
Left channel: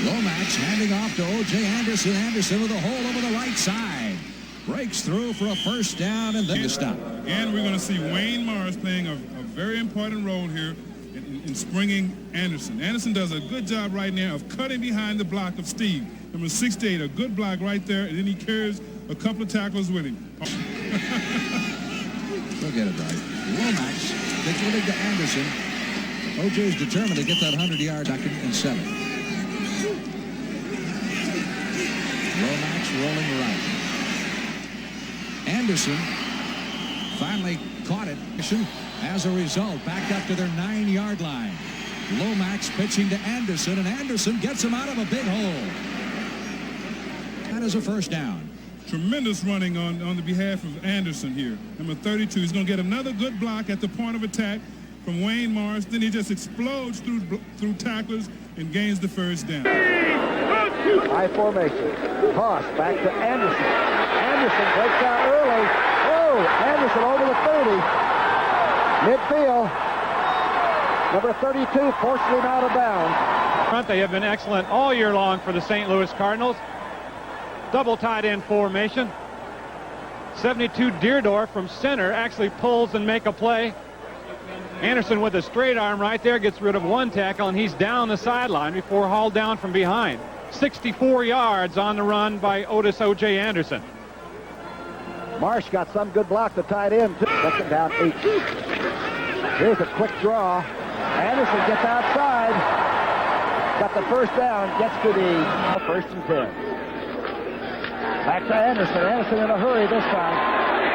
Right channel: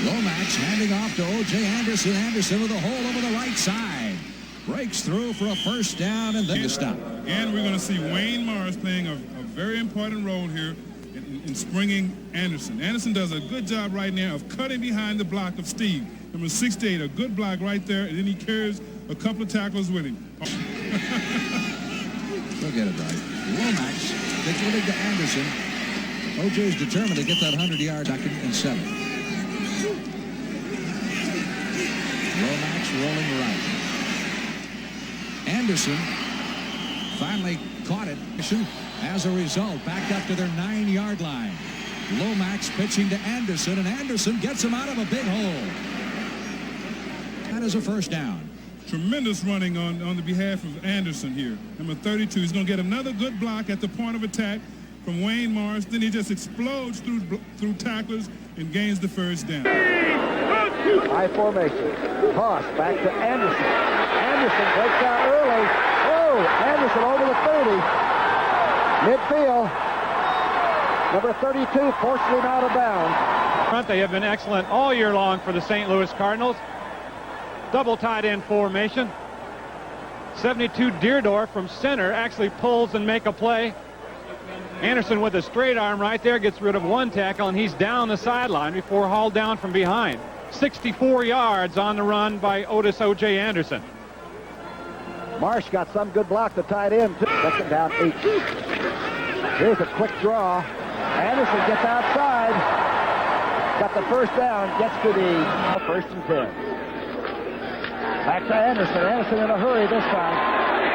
Lomax handing off to O.J. Anderson. Anderson with a hole over the right side. Breaks through for a first down and then a stop. And we're going to see Wayne Morris playing a very important role here in springing Anderson. Anderson does a good job right now of cutting behind the block of Steve. Number 68, a good block right there, and then he carries a couple of tackles with him. We'll get it right. Lomax, they give it to Anderson. O.J.'s determined to get that 100-yard in 7. Lomax rolling right. Anderson finally caught it. As a result, back up to their 9-yard line. Lomax pitching to Anderson, and Anderson gets him out of a big hole. That is a first down. Tremendous running on the behalf of Anderson here. Number 32. He's going to get another good block at the point of attack from Wayne Morris. Then he just explodes through tacklers and gains the first down. High formation. Toss back to Anderson. Anderson breaks out early. Oh, Anderson over the 30. Midfield. Number 32, fortunately not out of bounds. They have been excellent all year long for the St. Louis Cardinals. Double tight end formation. 72 Deerdorf from center actually pulls and make a play. Anderson with a straight arm right there gets rid of one tackle, and he's down the sideline before hauled down from behind. 64 yards on the run by Otis O.J. Anderson. Marsh got some good block to tight end, too. Second down, 8. Here's a quick draw. Anderson gets outside. Got the first down, gets to the first and 10. Back to Anderson. Anderson in a hurry this time.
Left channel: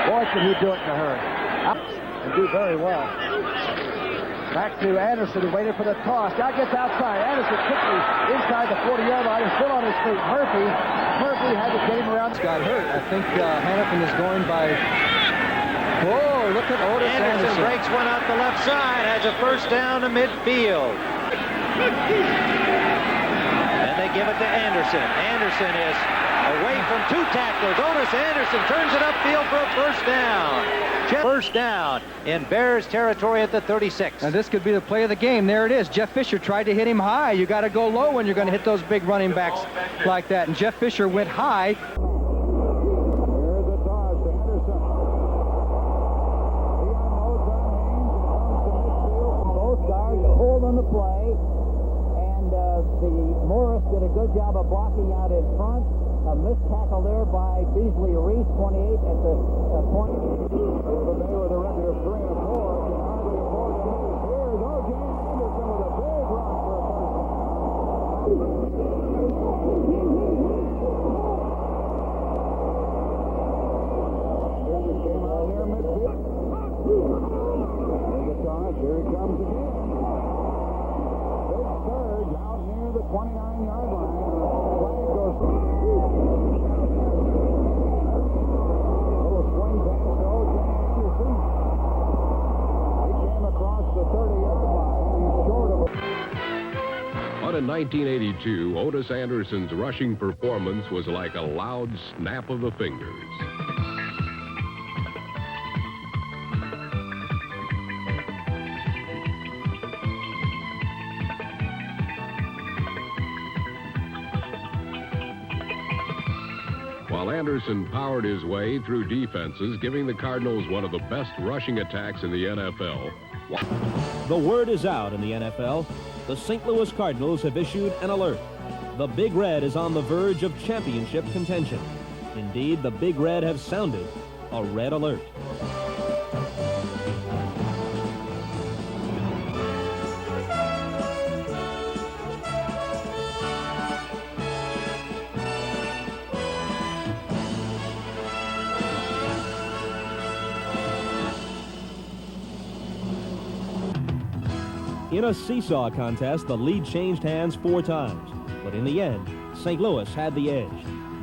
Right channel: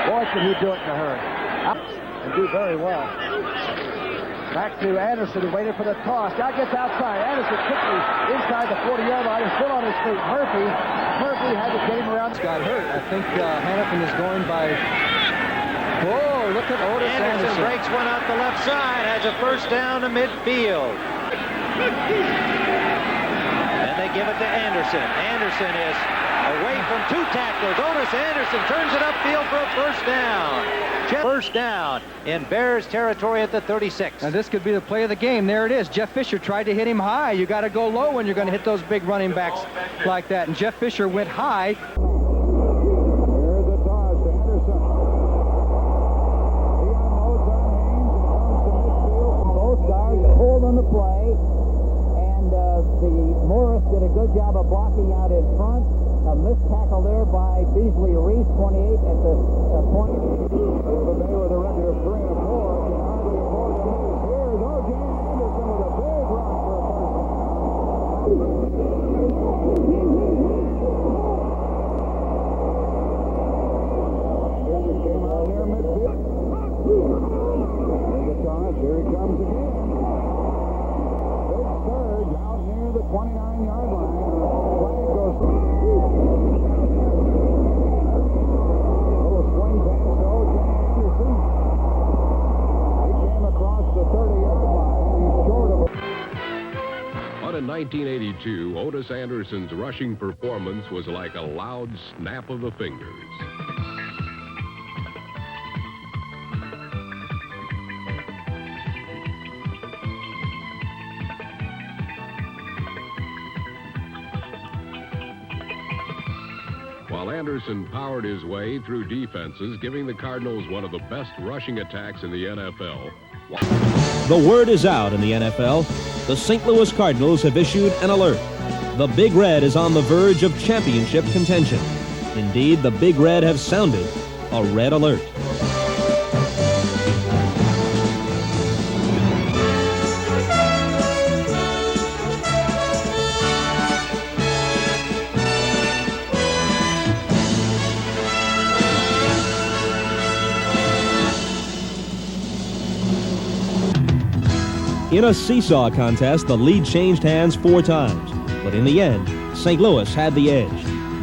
Boy, can he do it in a hurry. Up and do very well. Back to Anderson, who waited for the toss. Now gets outside. Anderson quickly inside the 40-yard line. He's still on his feet. Murphy had to get him around. Got hurt. I think Hannafin is going by... Whoa, look at Otis Anderson. Breaks one out the left side. Has a first down to midfield. And they give it to Anderson. Anderson is away from 2 tacklers. Otis Anderson turns it upfield for a first down. First down in Bears territory at the 36. Now this could be the play of the game. There it is. Jeff Fisher tried to hit him high. You got to go low when you're going to hit those big running backs like that. And Jeff Fisher went high. Morris did a good job of blocking out in front. A missed tackle there by Beasley Reese, 28 at the point. But in 1982, Otis Anderson's rushing performance was like a loud snap of the fingers. While Anderson powered his way through defenses, giving the Cardinals one of the best rushing attacks in the NFL. The word is out in the NFL. The St. Louis Cardinals have issued an alert. The Big Red is on the verge of championship contention. Indeed, the Big Red have sounded a red alert. In a seesaw contest, the lead changed hands 4 times. But in the end, St. Louis had the edge.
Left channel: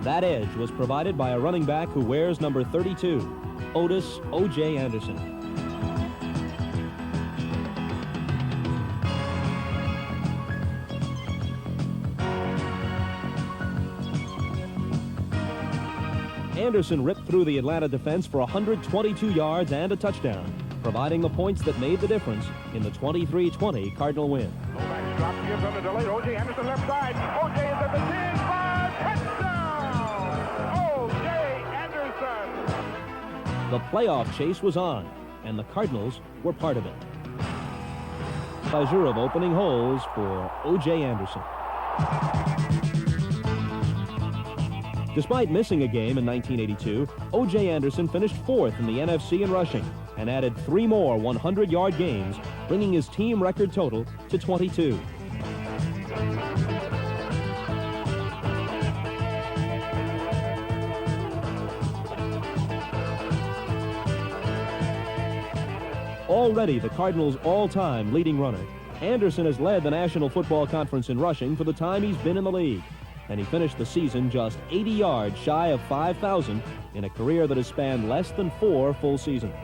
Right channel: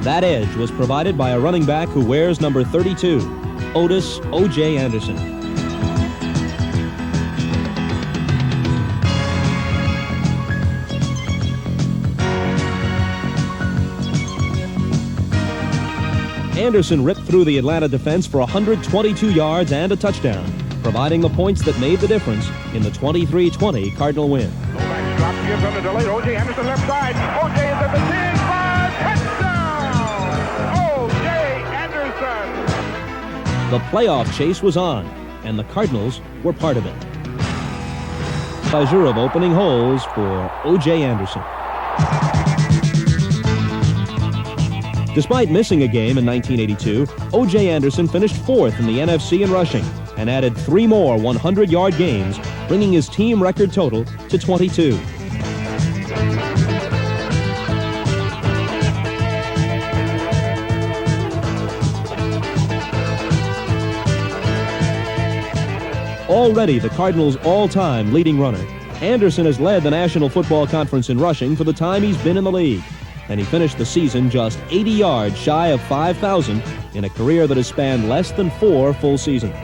That edge was provided by a running back who wears number 32, Otis O.J. Anderson. Anderson ripped through the Atlanta defense for 122 yards and a touchdown, providing the points that made the difference in the 23-20 Cardinal win. Drop gives on the delay. O.J. Anderson left side. O.J. The playoff chase was on, and the Cardinals were part of it. Pleasure of opening holes for O.J. Anderson. Despite missing a game in 1982, O.J. Anderson finished 4th in the NFC in rushing and added 3 more 100-yard games, bringing his team record total to 22. Already the Cardinals' all-time leading runner, Anderson has led the National Football Conference in rushing for the time he's been in the league. And he finished the season just 80 yards shy of 5,000 in a career that has spanned less than 4 full seasons.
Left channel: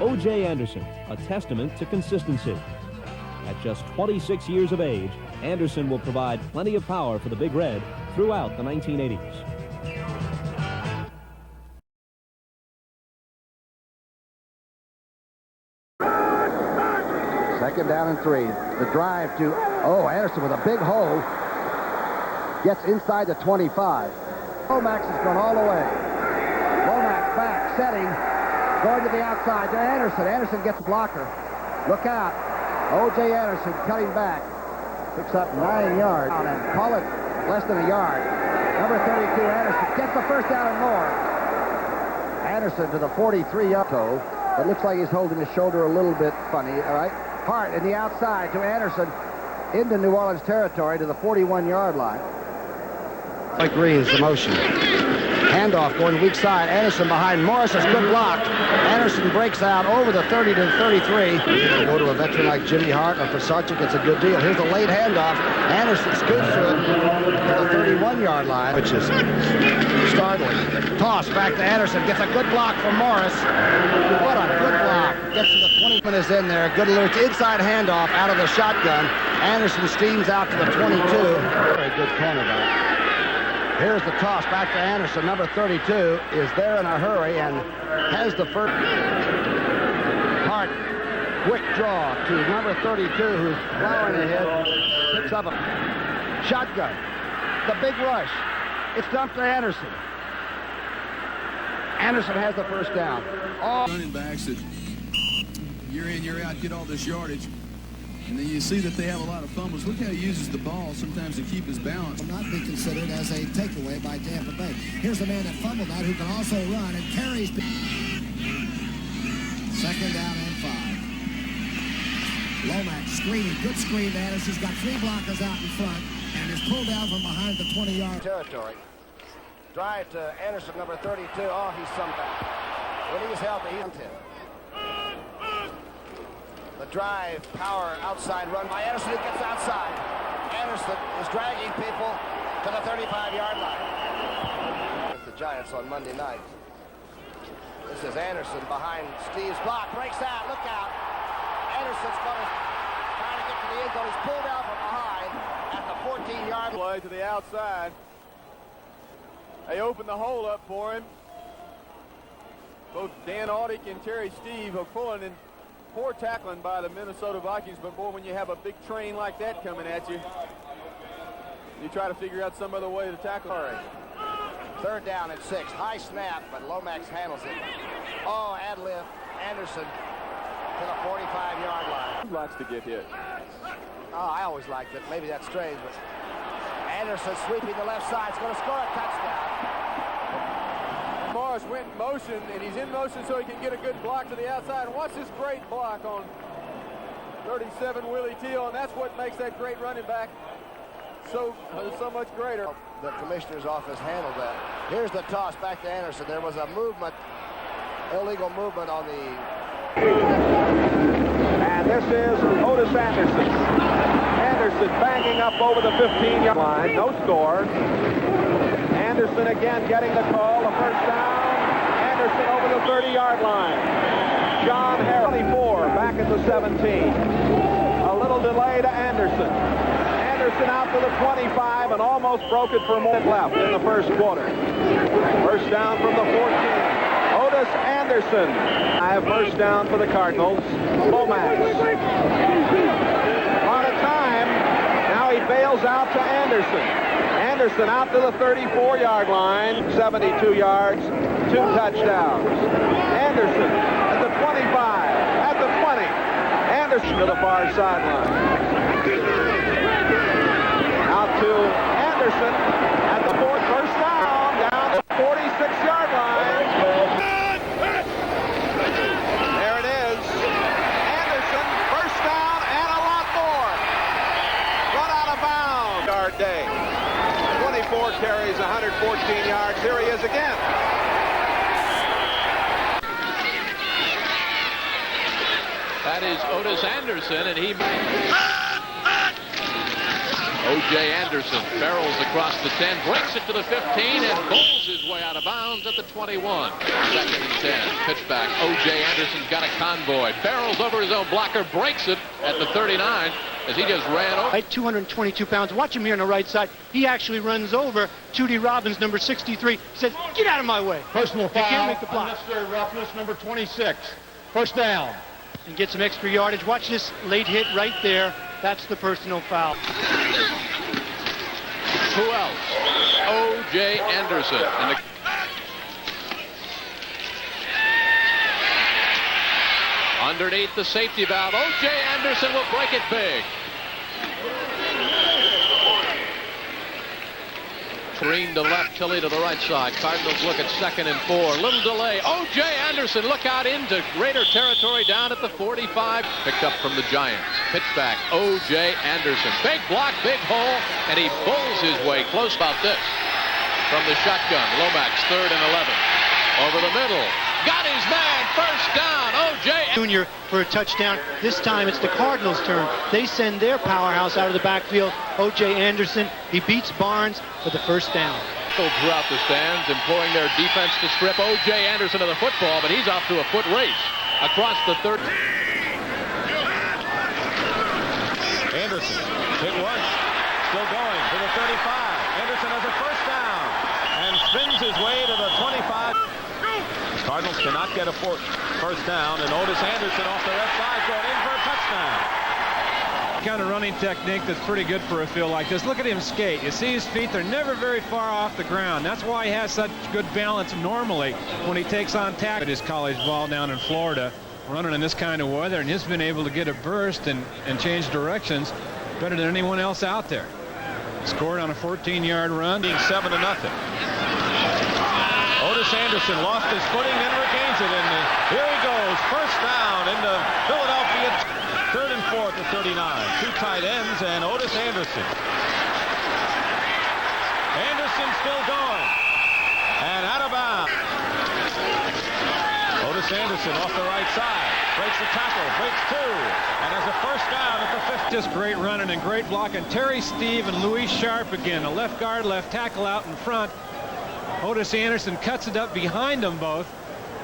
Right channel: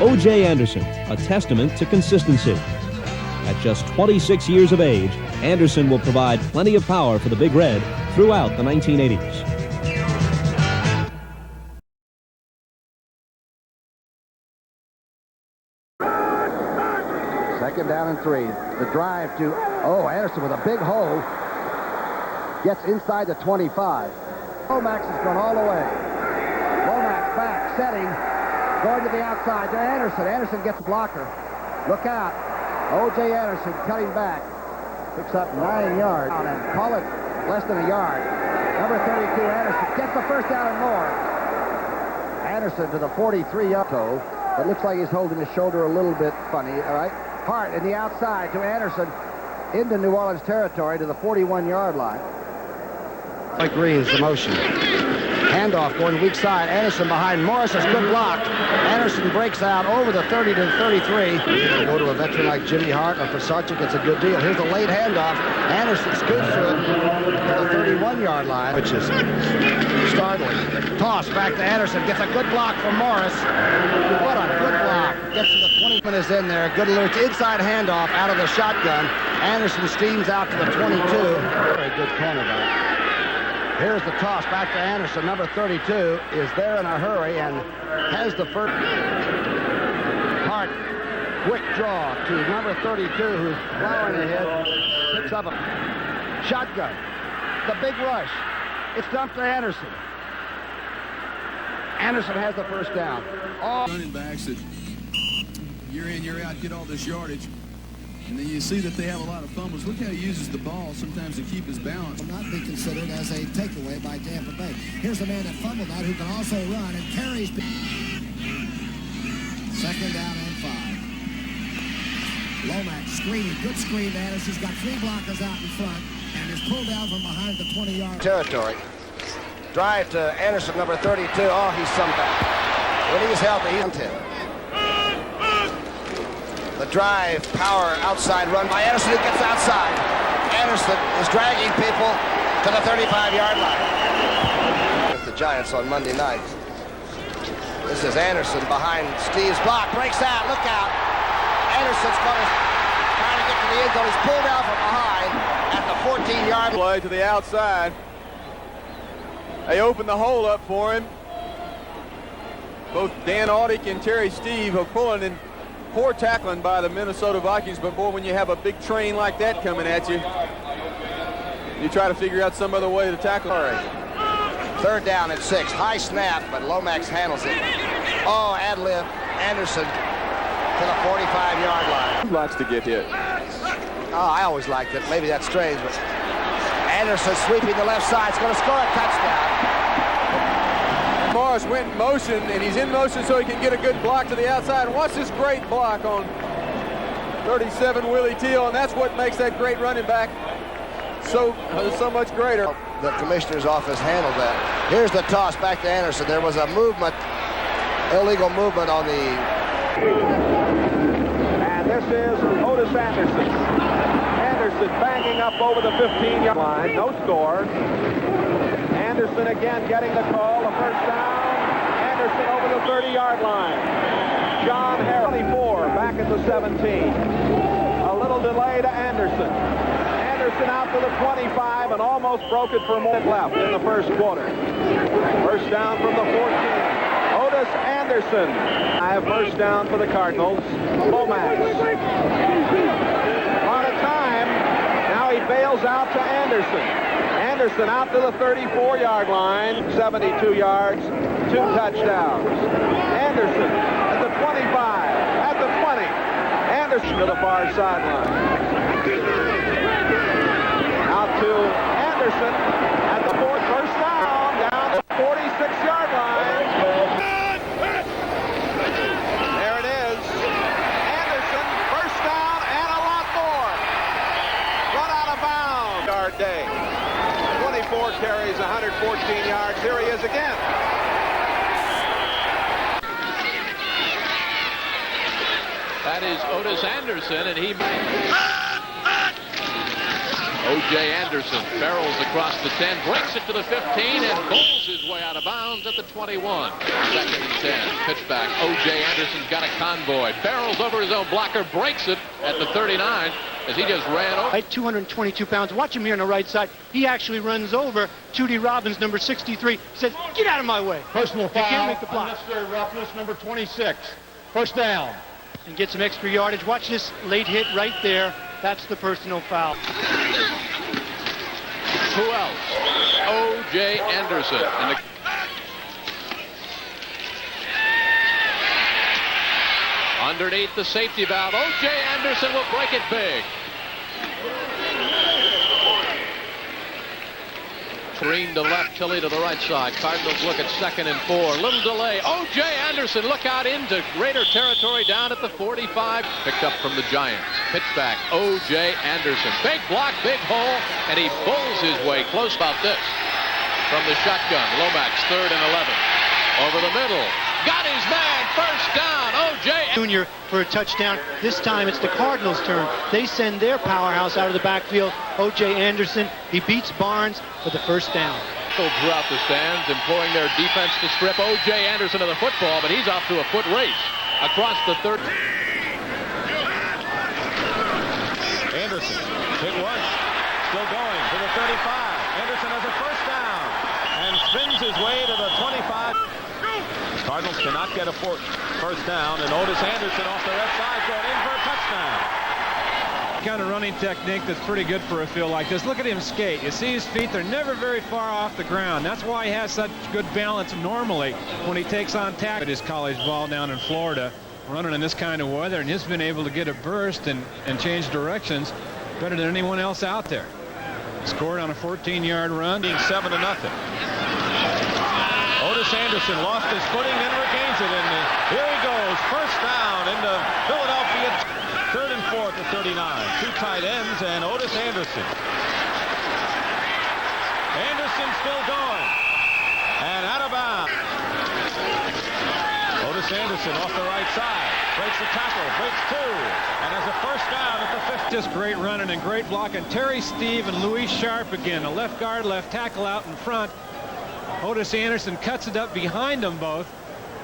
O.J. Anderson, a testament to consistency. At just 26 years of age, Anderson will provide plenty of power for the Big Red throughout the 1980s. Second down and 3. The drive to, Anderson with a big hole. Gets inside the 25. Lomax has gone all the way. Lomax back, setting, going to the outside to Anderson. Anderson gets a blocker. Look out. O.J. Anderson cutting back. Picks up 9 yards. And call it less than a yard. Number 32, Anderson gets the first down and more. Anderson to the 43-yard toe. It looks like he's holding his shoulder a little bit funny, all right? Hart in the outside to Anderson into New Orleans territory to the 41-yard line. Mike Green's the motion. Handoff going weak side. Anderson behind Morris. Is good block. Anderson breaks out over the 30 to the 33. Go to a veteran like Jimmy Hart or Ferocity. It's a good deal. Here's the late handoff. Anderson scoots to it to the 31-yard line, which is startling. Toss back to Anderson. Gets a good block from Morris. What a good block. Gets to the 20 minutes in there. Good alert. Inside handoff out of the shotgun. Anderson steams out to the 22. Very good cornerback. Here's the toss back to Anderson. Number 32 is there in a hurry and has the first. Hart, quick draw to number 32 who's plowing ahead. Picks up a shotgun. The big rush. It's dumped to Anderson. Anderson has the first down. Running backs that year in, year out get all this yardage. And then you see that they have a lot of fumbles. Look how he uses the ball sometimes to keep his balance. Will not be considered as a takeaway by Tampa Bay. Here's the man that fumbled that who can also run and carries. Second down and 5. Lomax screening. Good screen to Anderson. He's got 3 blockers out in front and is pulled down from behind the 20-yard territory. Drive to Anderson, number 32. Oh, he's some back. When he's healthy, he's him. The drive, power, outside run by Anderson, who gets outside. Anderson is dragging people to the 35-yard line. With the Giants on Monday night. This is Anderson behind Steve's block. Breaks out, look out. Anderson's trying to get to the end zone. He's pulled out from behind at the 14-yard line. Play to the outside. They open the hole up for him. Both Dan Audick and Terry Steve are pulling in. Poor tackling by the Minnesota Vikings, but boy, when you have a big train like that coming at you, you try to figure out some other way to tackle. Third down at 6. High snap, but Lomax handles it. Oh, ad-lib. Anderson to the 45-yard line. He likes to get hit. Oh, I always liked it. Maybe that's strange, but Anderson sweeping the left side. He's going to score a touchdown. Morris went in motion, and he's in motion so he can get a good block to the outside. Watch this great block on 37 Willie Teal, and that's what makes that great running back so much greater. The commissioner's office handled that. Here's the toss back to Anderson. There was a movement, illegal movement on the... And this is Otis Anderson. Anderson banging up over the 15-yard line. No score. Anderson again getting the call, the first down. Anderson over the 30-yard line. John Harris, 24, back at the 17. A little delay to Anderson. Anderson out to the 25 and almost broke it for more left in the first quarter. First down from the 14. Otis Otis Anderson. First down for the Cardinals. Lomax. On a time. Now he bails out to Anderson. Anderson out to the 34-yard line. 72 yards, 2 touchdowns. Anderson at the 25, at the 20. Anderson to the far sideline. Out to Anderson at the 4th, first down, down the 46-yard line. There it is. Anderson, first down and a lot more. Run out of bounds. Yard day. 24 carries, 114 yards. Here he is again. That is Otis Anderson, and he... O.J. Anderson barrels across the 10, breaks it to the 15, and bowls his way out of bounds at the 21. Second and 10. Pitch back. O.J. Anderson's got a convoy. Barrels over his own blocker, breaks it at the 39 as he just ran over. 222 pounds. Watch him here on the right side. He actually runs over Judy Robbins, number 63. Says, get out of my way. Personal foul. You can't make the block. Mr. Roughness, number 26. First down. And get some extra yardage. Watch this late hit right there. That's the personal foul. Who else? O.J. Anderson. And the... Underneath the safety valve, O.J. Anderson will break it big. Green to left, Tilley to the right side. Cardinals look at 2nd and 4. Little delay. O.J. Anderson look out into Raider territory down at the 45. Picked up from the Giants. Pitch back. O.J. Anderson. Big block, big hole, and he bulls his way close about this. From the shotgun, Lomax, 3rd and 11. Over the middle. Got his man. First down. O.J. Junior for a touchdown. This time it's the Cardinals' turn. They send their powerhouse out of the backfield. O.J. Anderson. He beats Barnes for the first down. Throughout the stands, imploring their defense to strip O.J. Anderson of the football, but he's off to a foot race across the 30. Anderson hit once, still going to the 35. Anderson has a first down and spins his way to the 25. The Cardinals cannot get a first down, and Otis Anderson off the left side going in for a touchdown. Kind of running technique that's pretty good for a field like this. Look at him skate. You see his feet, they're never very far off the ground. That's why he has such good balance normally when he takes on tackle at his college ball down in Florida, running in this kind of weather, and he's been able to get a burst and change directions better than anyone else out there. Scored on a 14-yard run, being 7-0. Otis Anderson lost his footing and regains it, and here he goes. First down into Philadelphia. 3rd and 4 at the 39. 2 tight ends and Otis Anderson. Anderson still going. And out of bounds. Otis Anderson off the right side. Breaks the tackle. Breaks 2. And has a first down at the 50. Just great running and great blocking. Terry Steve and Louis Sharp again. A left guard, left tackle out in front. Otis Anderson cuts it up behind them both.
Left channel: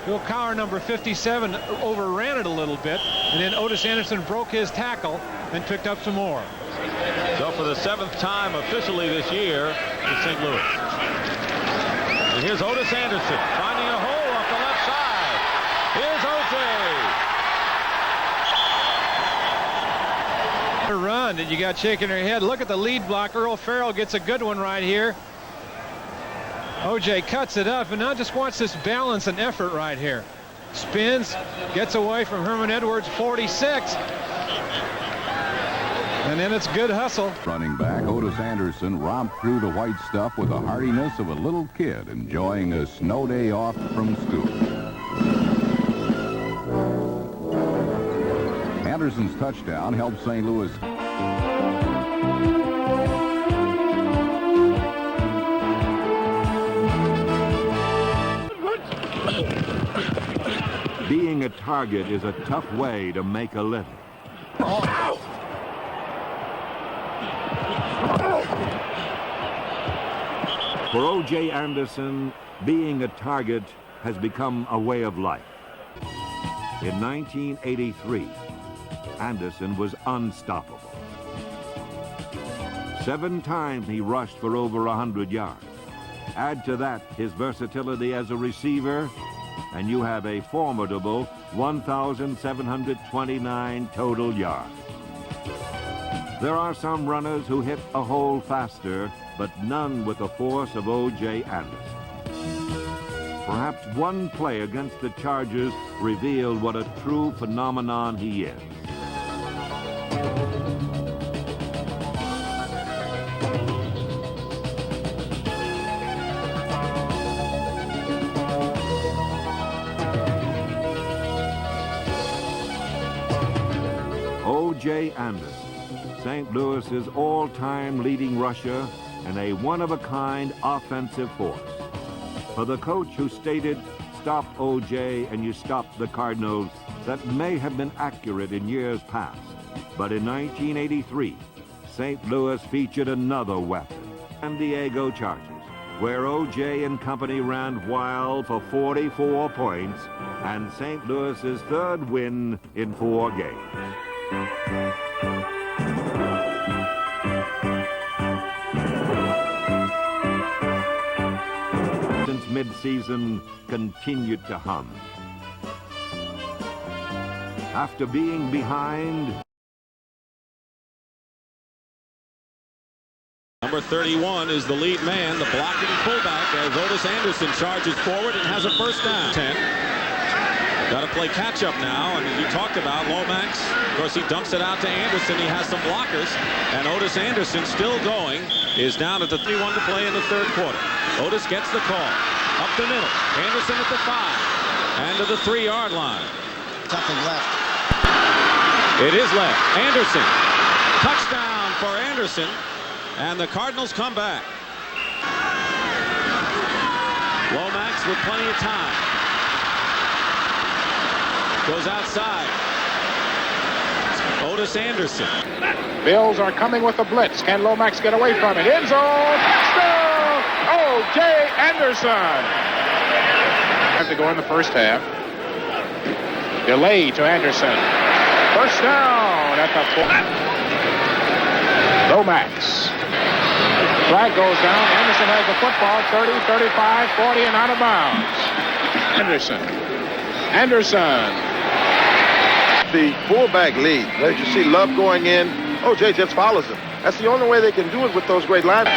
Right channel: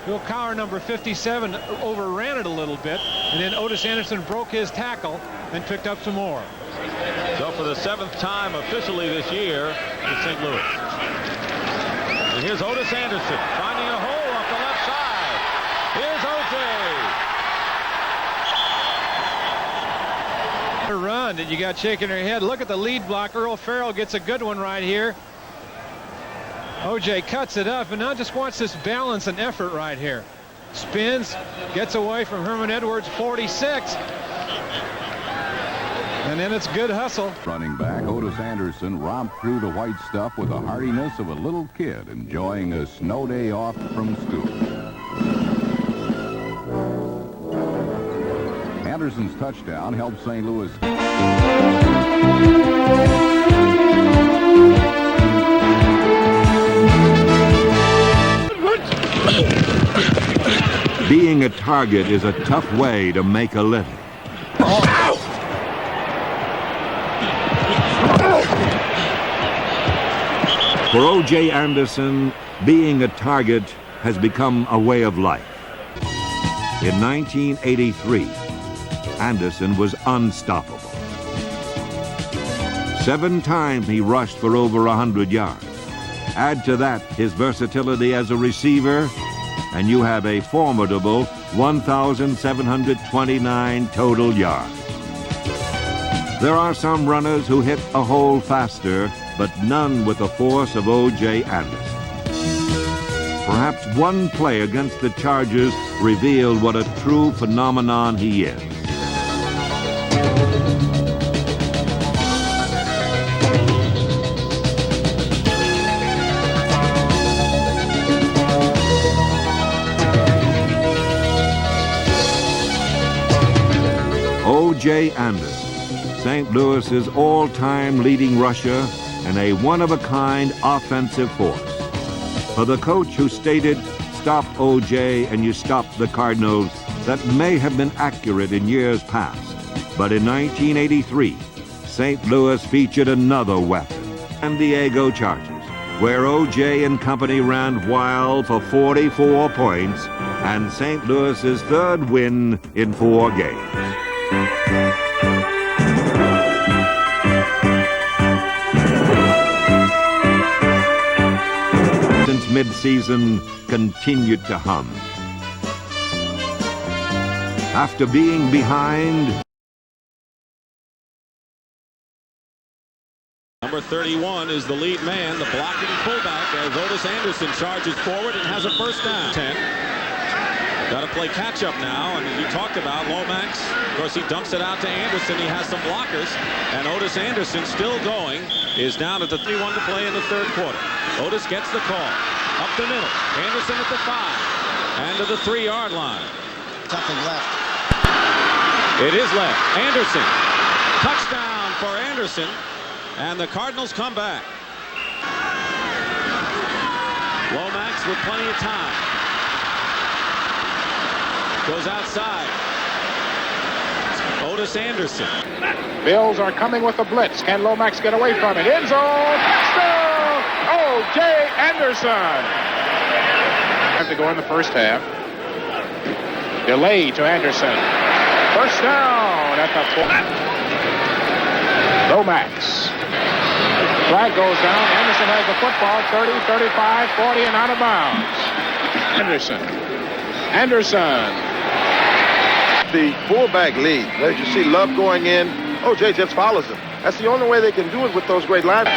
Bill Cowher, number 57, overran it a little bit, and then Otis Anderson broke his tackle and picked up some more. So for the 7th time officially this year in St. Louis. And here's Otis Anderson finding a hole off the left side. Here's O.J. A run that you got shaking her head. Look at the lead block. Earl Farrell gets a good one right here. O.J. cuts it up, and now just watch this balance and effort right here. Spins, gets away from Herman Edwards, 46. And then it's good hustle. Running back Otis Anderson romped through the white stuff with the hardiness of a little kid enjoying a snow day off from school. Anderson's touchdown helped St. Louis. Being a target is a tough way to make a living. For O.J. Anderson, being a target has become a way of life. In 1983, Anderson was unstoppable. 7 times he rushed for over 100 yards. Add to that his versatility as a receiver, and you have a formidable 1,729 total yards. There are some runners who hit a hole faster, but none with the force of O.J. Anderson. Perhaps one play against the Chargers revealed what a true phenomenon he is. O.J. Anderson, St. Louis's all-time leading rusher and a one-of-a-kind offensive force. For the coach who stated, "Stop O.J. and you stop the Cardinals," that may have been accurate in years past. But in 1983, St. Louis featured another weapon, San Diego Chargers, where O.J. and company ran wild for 44 points and St. Louis's third win in 4 games. Since mid-season, continued to hum. After being behind, number 31 is the lead man, the blocking fullback, as Otis Anderson charges forward and has a first down. 10. Got to play catch-up now, and as you talked about, Lomax, of course, he dumps it out to Anderson. He has some blockers, and Otis Anderson, still going, is down at the 3-1 to play in the third quarter. Otis gets the call. Up the middle. Anderson at the 5. And to the 3-yard line. Something left. It is left. Anderson. Touchdown for Anderson. And the Cardinals come back. Lomax with plenty of time. Goes outside. Otis Anderson. Bills are coming with a blitz. Can Lomax get away from it? End zone. Touchdown! O.J. Anderson. Have to go in the first half. Delay to Anderson. First down at the 4. Lomax. Flag goes down. Anderson has the football. 30, 35, 40, and out of bounds. Anderson. The fullback lead. As you see Love going in, O.J. just follows him. That's the only way they can do it with those great linemen.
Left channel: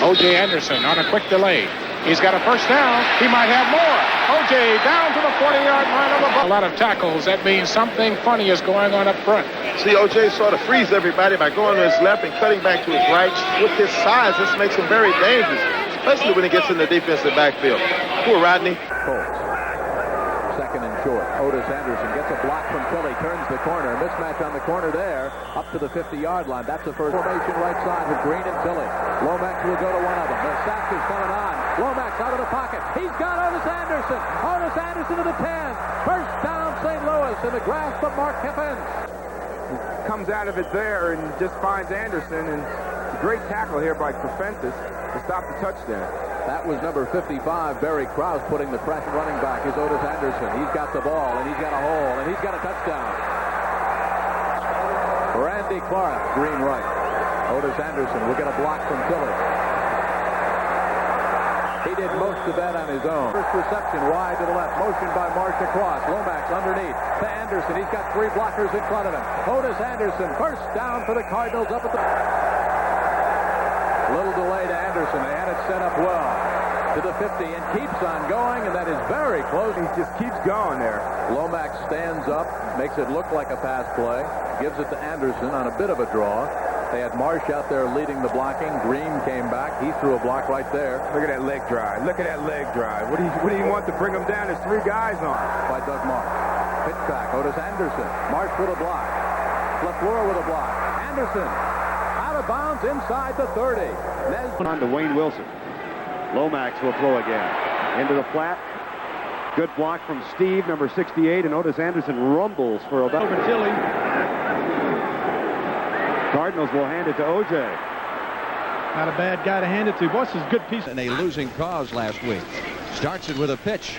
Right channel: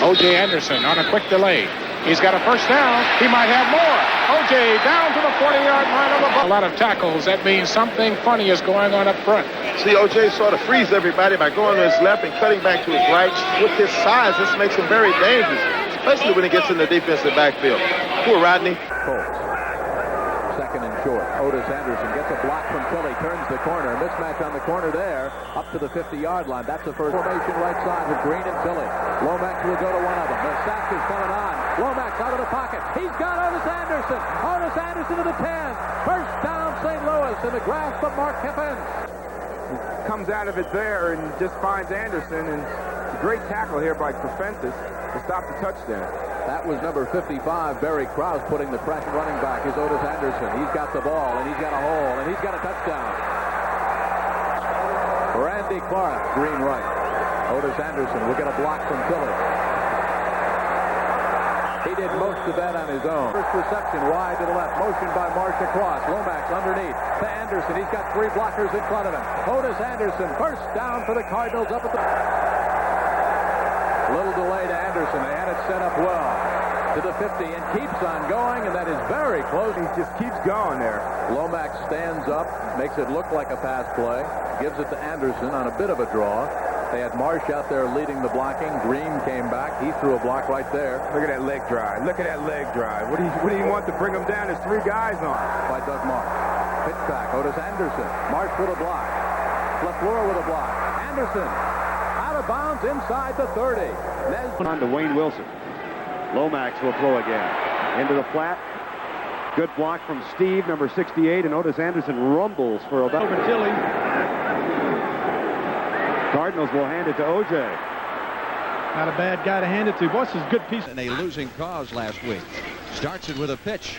O.J. Anderson on a quick delay. He's got a first down. He might have more. O.J. down to the 40-yard line of the ball. A lot of tackles. That means something funny is going on up front. See, O.J. sort of frees everybody by going to his left and cutting back to his right. With his size, this makes him very dangerous, especially when he gets in the defensive backfield. Poor Rodney. Second and short. Otis Anderson gets a block from Philly, turns the corner. Mismatch on the corner there, up to the 50-yard line. That's the first formation right side with Green and Philly. Lomax will go to one of them. The sack is coming on. Lomax out of the pocket. He's got Otis Anderson. Otis Anderson to the 10. First down, St. Louis in the grasp of Mark Kiffin. He comes out of it there and just finds Anderson, and it's a great tackle here by Profentis to stop the touchdown. That was number 55, Barry Krause, putting the pressure. Running back is Otis Anderson. He's got the ball, and he's got a hole, and he's got a touchdown. Randy Clark, green right. Otis Anderson will get a block from Philly. He did most of that on his own. First reception wide to the left. Motion by Marsh across. Lomax underneath to Anderson. He's got 3 blockers in front of him. Otis Anderson, first down for the Cardinals up at the... Little delay to Anderson. They had it set up well to the 50 and keeps on going, and that is very close. He just keeps going there. Lomax stands up, makes it look like a pass play, gives it to Anderson on a bit of a draw. They had Marsh out there leading the blocking. Green came back. He threw a block right there. Look at that leg drive. Look at that leg drive. What do you want to bring him down? There's 3 guys on. By Doug Marsh. Pitch back. Otis Anderson. Marsh with a block. LaFleur with a block. Anderson out of bounds inside the 30. On to Wayne Wilson. Lomax will throw again. Into the flat. Good block from Steve, number 68, and Otis Anderson rumbles for about... Over Tilly. Cardinals will hand it to O.J. Not a bad guy to hand it to. Boy, this is a good piece. And a losing cause last week. Starts it with a pitch.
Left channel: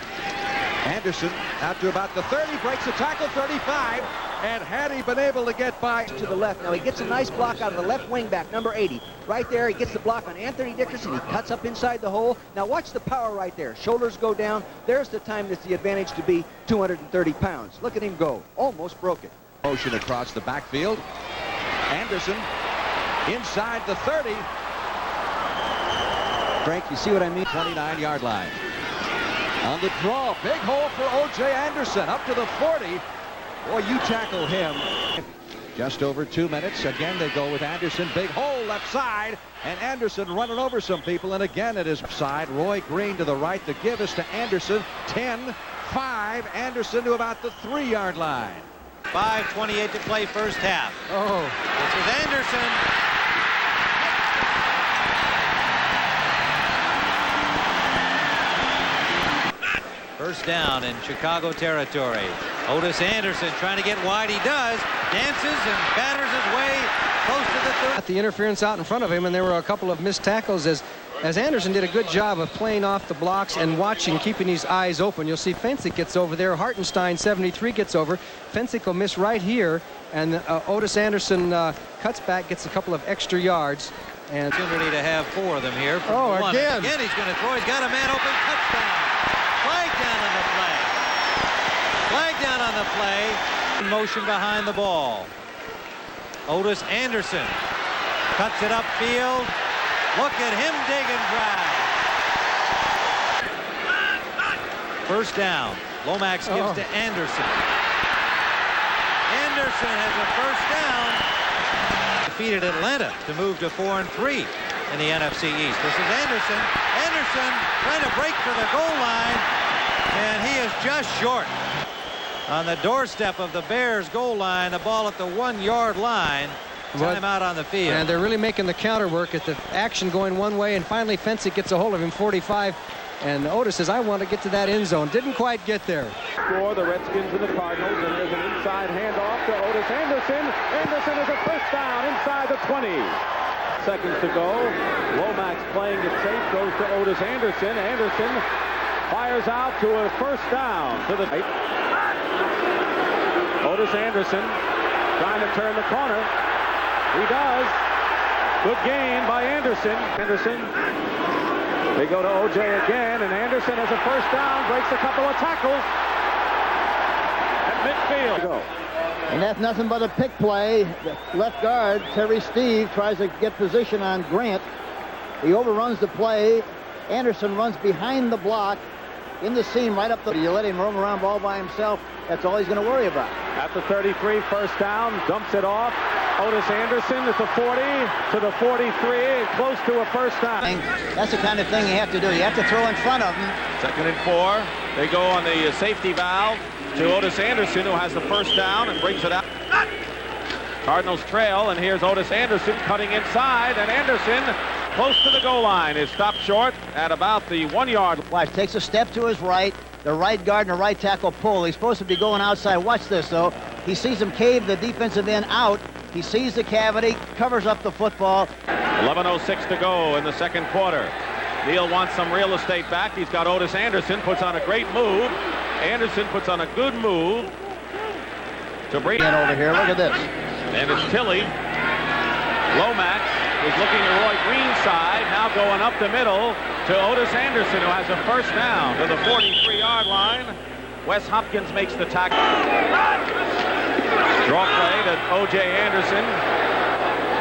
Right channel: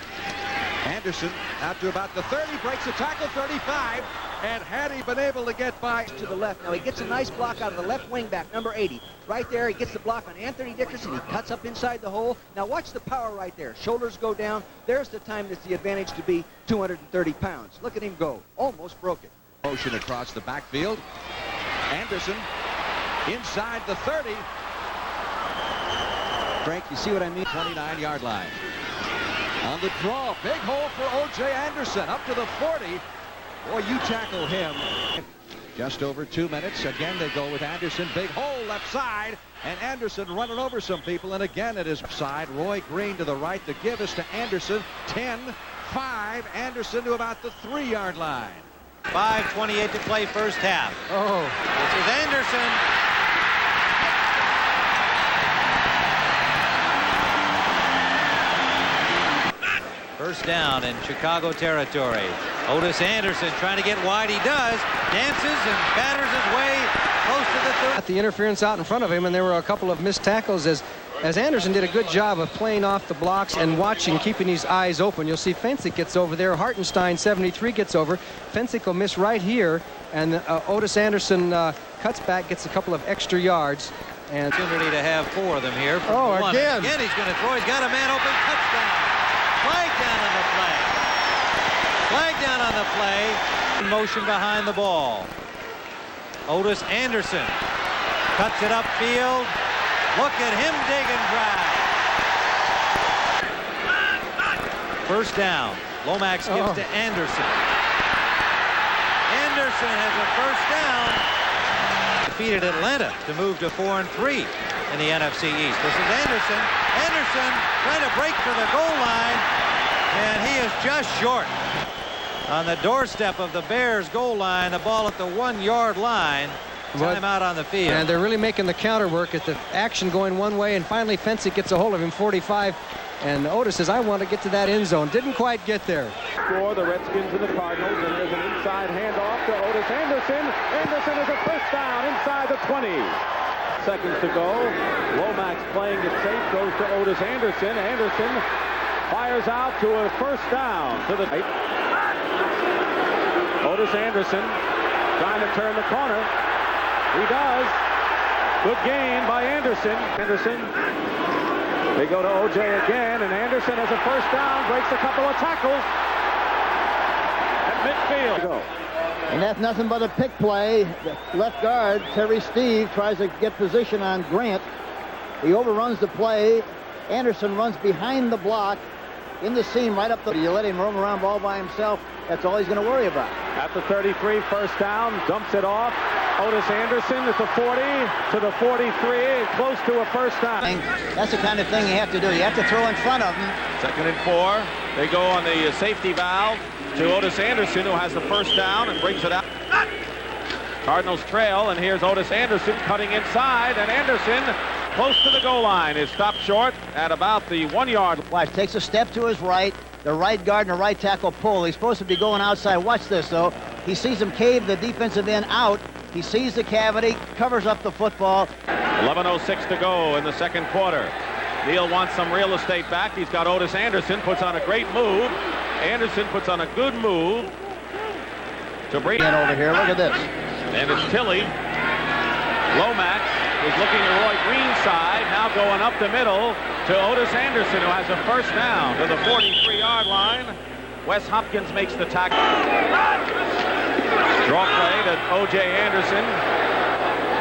Anderson out to about the 30, breaks the tackle, 35. And had he been able to get by to the left. Now he gets a nice block out of the left wing back, number 80. Right there, he gets the block on Anthony Dickerson. He cuts up inside the hole. Now watch the power right there. Shoulders go down. There's the time that's the advantage to be 230 pounds. Look at him go. Almost broke it. Motion across the backfield. Anderson inside the 30. Frank, you see what I mean? 29-yard line. On the draw, big hole for O.J. Anderson, up to the 40. Boy, you tackle him. Just over 2 minutes. Again, they go with Anderson. Big hole left side. And Anderson running over some people. And again, it is side. Roy Green to the right. The give is to Anderson. 10-5. Anderson to about the 3-yard line. 5:28 to play first half. Oh. This is Anderson. First down in Chicago territory. Otis Anderson trying to get wide. He does. Dances and batters his way close to the 30. The interference out in front of him, and there were a couple of missed tackles as Anderson did a good job of playing off the blocks and watching, keeping his eyes open. You'll see Fensick gets over there. Hartenstein, 73, gets over. Fensick will miss right here, and Otis Anderson cuts back, gets a couple of extra yards. And opportunity to have 4 of them here. Again. Again, he's going to throw. He's got a man open. Touchdown. Flag down on the play. Flag down on the play. Motion behind the ball. Otis Anderson cuts it upfield. Look at him dig and drive. First down. Lomax gives to Anderson. Anderson has a first down. Defeated Atlanta to move to 4-3 in the NFC East. This is Anderson. Anderson trying to break for the goal line, and he is just short. On the doorstep of the Bears goal line, the ball at the 1-yard line. Time out on the field. And they're really making the counter work at the action going one way, and finally Fensick gets a hold of him, 45. And Otis says, I want to get to that end zone. Didn't quite get there. For the Redskins and the Cardinals, and there's an inside handoff to Otis Anderson. Anderson is a first down inside the 20. Seconds to go. Lomax playing it safe, goes to Otis Anderson. Anderson fires out to a first down to the right. Otis Anderson trying to turn the corner. He does. Good gain by Anderson. Anderson. They go to O.J. again, and Anderson has a first down, breaks a couple of tackles at midfield. And that's nothing but a pick play. The left guard, Terry Steve, tries to get position on Grant. He overruns the play. Anderson runs behind the block in the seam right up the... You let him roam around all by himself, that's all he's going to worry about. At the 33, first down, dumps it off. Otis Anderson at the 40 to the 43, close to a first down. That's the kind of thing you have to do. You have to throw in front of him. 2nd and 4. They go on the safety valve to Otis Anderson, who has the first down and brings it out. Cardinals trail, and here's Otis Anderson cutting inside, and Anderson close to the goal line is stopped short at about the 1-yard. Watch, takes a step to his right. The right guard and the right tackle pull. He's supposed to be going outside. Watch this, though. He sees him cave the defensive end out. He sees the cavity, covers up the football. 11:06 to go in the 2nd quarter. Neal wants some real estate back. He's got Otis Anderson, puts on a great move. Anderson puts on a good move to bring in over here. Look at this. And it's Tilley. Lomax is looking to Roy Green's side, now going up the middle to Otis Anderson, who has a first down to the 43-yard line. Wes Hopkins makes the tackle. Draw play to O.J. Anderson.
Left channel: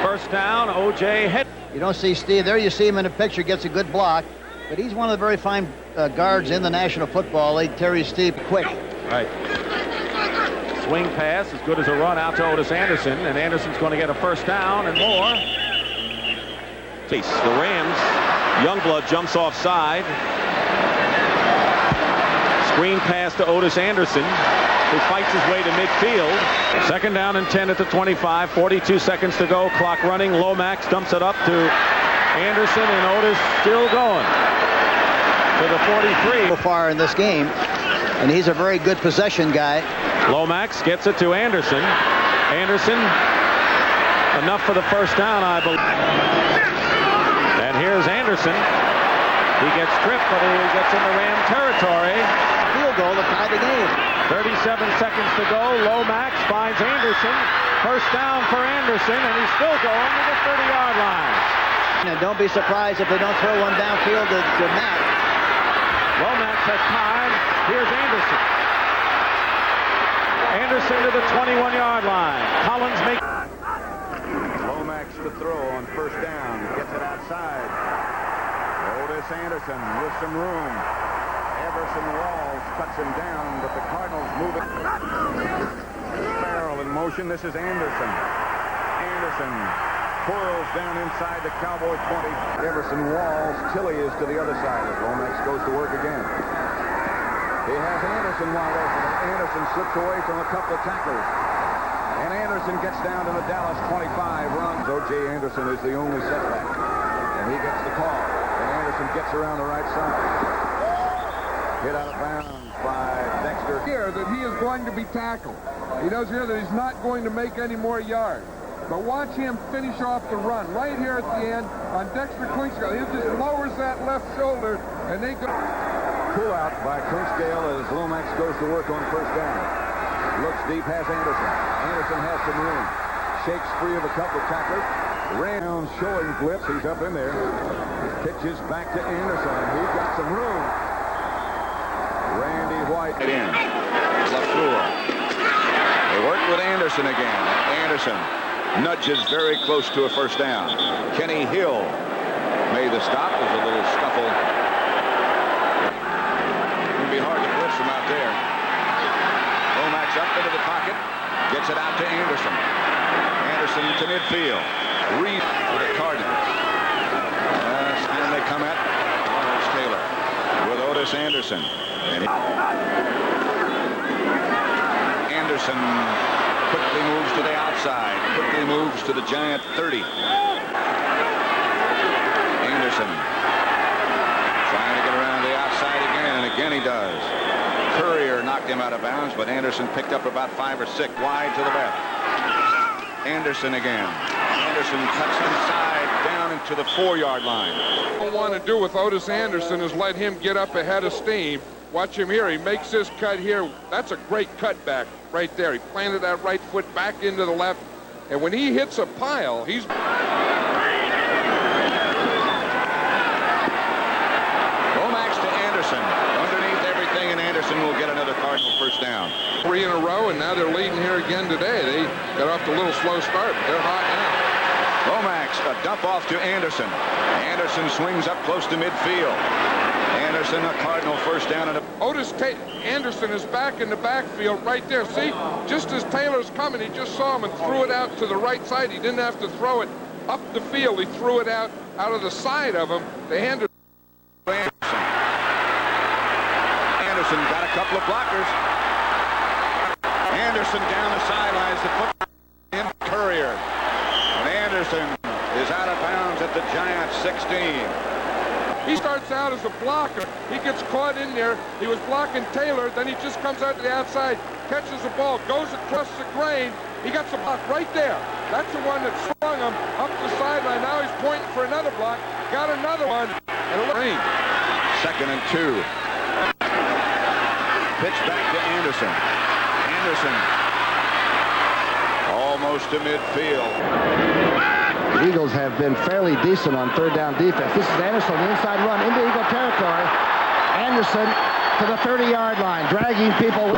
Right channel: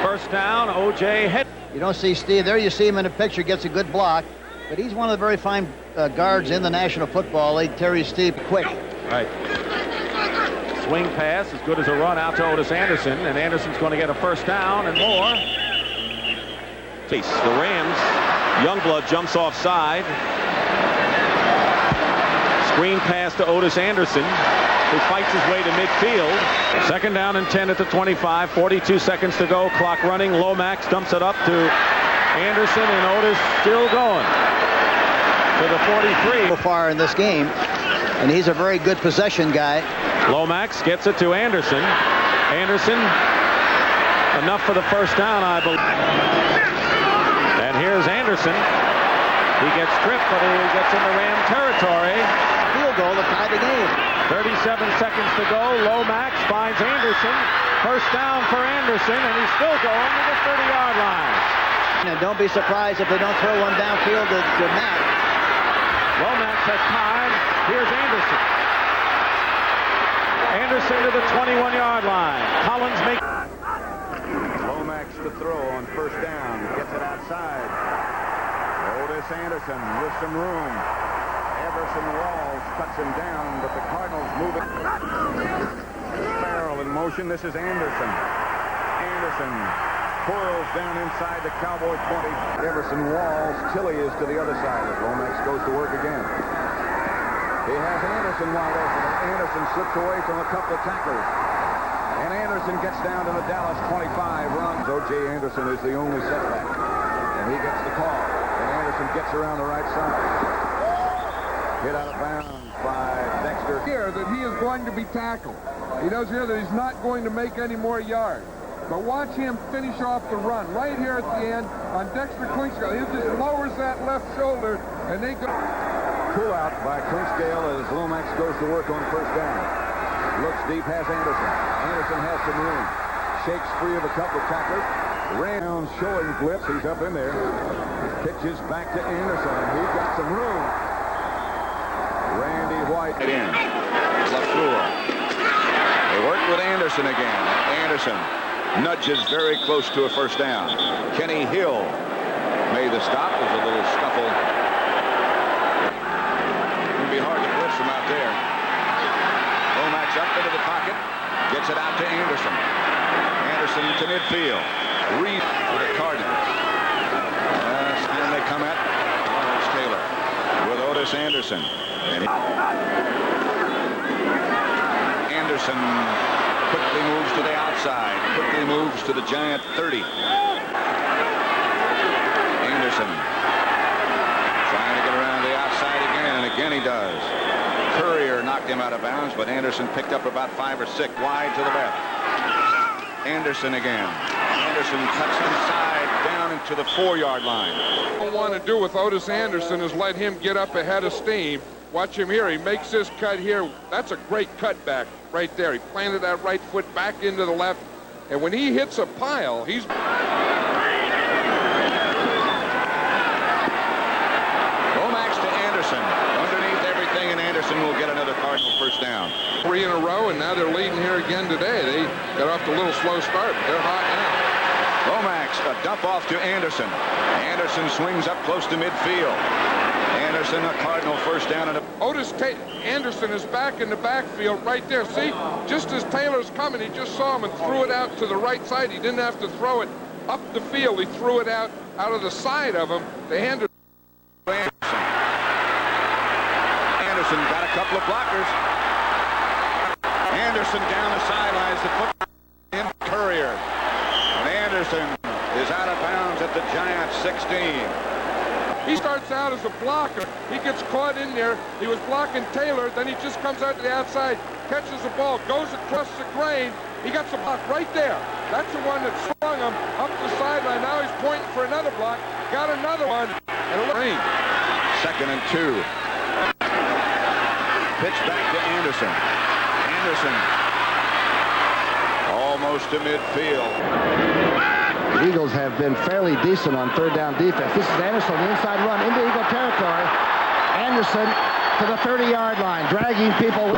First down, O.J. hit. You don't see Steve. There you see him in the picture, gets a good block. But he's one of the very fine guards in the National Football League. Terry Steve, quick. Right. Swing pass, as good as a run out to Otis Anderson. And Anderson's going to get a first down and more. The Rams, Youngblood jumps offside. Screen pass to Otis Anderson, who fights his way to midfield. 2nd down and 10 at the 25, 42 seconds to go, clock running. Lomax dumps it up to Anderson, and Otis still going to the 43. So far in this game, and he's a very good possession guy. Lomax gets it to Anderson. Anderson, enough for the first down, I believe. And here's Anderson. He gets tripped, but he gets into Ram territory. Field goal to tie the game. 37 seconds to go. Lomax finds Anderson. First down for Anderson, and he's still going to the 30-yard line. And don't be surprised if they don't throw one downfield to Matt. Lomax has time. Here's Anderson. Anderson to the 21-yard line. Collins makes... Lomax to throw on first down. Gets it outside. Otis Anderson with some room. Everson Walls cuts him down, but the Cardinals move it. Farrell in motion. This is Anderson. Anderson coils down inside the Cowboy 20. Everson Walls. Tilly is to the other side as Lomax goes to work again. He has Anderson wide open. Anderson slips away from a couple of tacklers. And Anderson gets down to the Dallas 25 runs. O.J. Anderson is the only setback. And he gets the call. And Anderson gets around the right side. Hit out of bounds by Dexter. Here that he is going to be tackled. He knows here that he's not going to make any more yards. But watch him finish off the run right here at the end on Dexter Klingscale. He just lowers that left shoulder and they go. Pull out by Klingscale as Lomax goes to work on first down. Looks deep, has Anderson. Anderson has some room. Shakes free of a couple of tacklers. Ram showing blitz. He's up in there. Pitches back to Anderson. He's got some room. Randy White in. LaFleur. They work with Anderson again. Anderson nudges very close to a first down. Kenny Hill made the stop. There's a little scuffle. It'll be hard to blitz from out there. Lomax up into the pocket. Gets it out to Anderson. Anderson to midfield. Reed for the Cardinals. And they come at Lawrence Taylor with Otis Anderson. And Anderson quickly moves to the outside. Quickly moves to the Giant 30. Anderson trying to get around the outside again, and again he does. Courier knocked him out of bounds, but Anderson picked up about 5 or 6 wide to the left. Anderson again. Anderson cuts inside down into the 4-yard line. What I want to do with Otis Anderson is let him get up ahead of steam. Watch him here. He makes this cut here. That's a great cutback right there. He planted that right foot back into the left. And when he hits a pile, he's... Lomax to Anderson. Underneath everything, and Anderson will get another Cardinal first down. 3 in a row, and now they're leading here again today. They got off to a little slow start, but they're hot now. Lomax, a dump off to Anderson. Anderson swings up close to midfield. Anderson, a Cardinal first down. And Otis Anderson is back in the backfield right there. See, just as Taylor's coming, he just saw him and threw it out to the right side. He didn't have to throw it up the field. He threw it out of the side of him to Anderson. Anderson got a couple of blockers. Anderson down the sidelines. The football in Courier. And Anderson is out of bounds at the Giants 16. He starts out as a blocker. He gets caught in there. He was blocking Taylor. Then he just comes out to the outside, catches the ball, goes across the grain. He got some block right there. That's the one that swung him up the sideline. Now he's pointing for another block. Got another one. And a green. 2nd and 2. Pitch back to Anderson. Anderson almost to midfield. The Eagles have been fairly decent on third down defense. This is Anderson on the inside run into Eagle territory. Anderson to the 30-yard line, dragging people.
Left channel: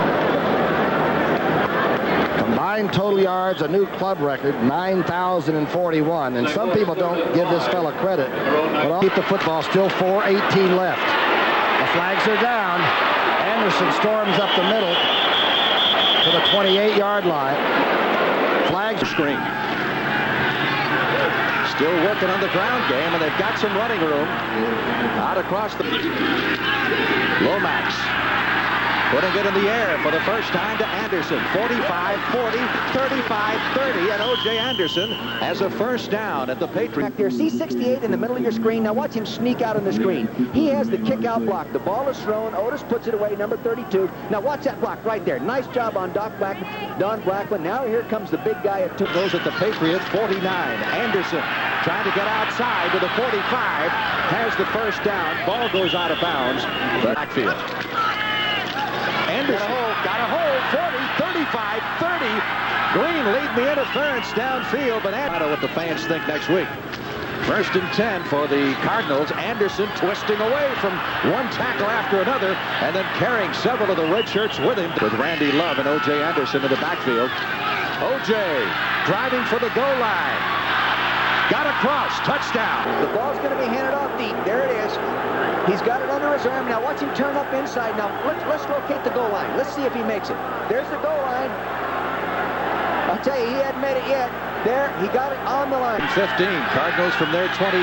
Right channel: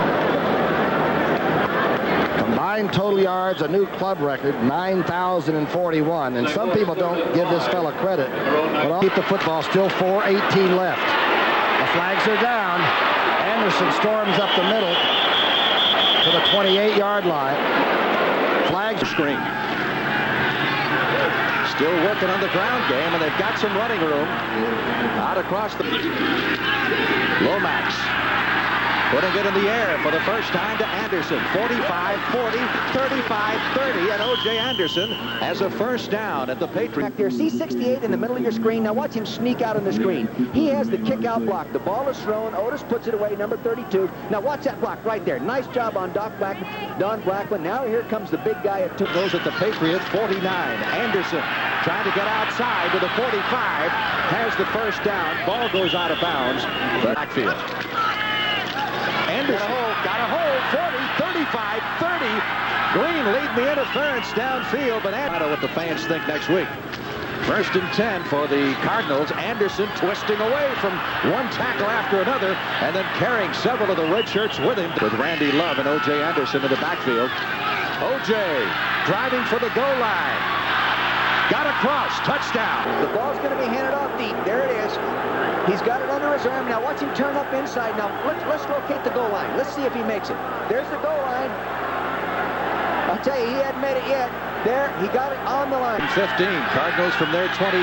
Combined total yards, a new club record, 9,041. And some people don't give this fella credit. But I'll keep the football, still 4:18 left. The flags are down. Anderson storms up the middle to the 28-yard line. Flags screen. Still working on the ground game, and they've got some running room out across the... Lomax putting it in the air for the first time to Anderson. 45-40, 35-30, and O.J. Anderson has a first down at the Patriots. Back there, see 68 in the middle of your screen. Now watch him sneak out on the screen. He has the kick-out block. The ball is thrown. Otis puts it away, number 32. Now watch that block right there. Nice job on Don Blackman. Now here comes the big guy at 2. Those at the Patriots, 49. Anderson trying to get outside to the 45, has the first down. Ball goes out of bounds. Backfield. Anderson got a hold, 40, 35, 30. Green lead me interference downfield, but I don't know what the fans think next week. First and 10 for the Cardinals. Anderson twisting away from one tackle after another and then carrying several of the red shirts with him. With Randy Love and O.J. Anderson in the backfield. O.J. driving for the goal line. Got across. Touchdown. The ball's going to be handed off deep. There it is. He's got it under his arm. Now watch him turn up inside. Now let's locate the goal line. Let's see if he makes it. There's the goal line. I'll tell you, he hadn't made it yet. There, he got it on the line. 15. Cardinals from their 23.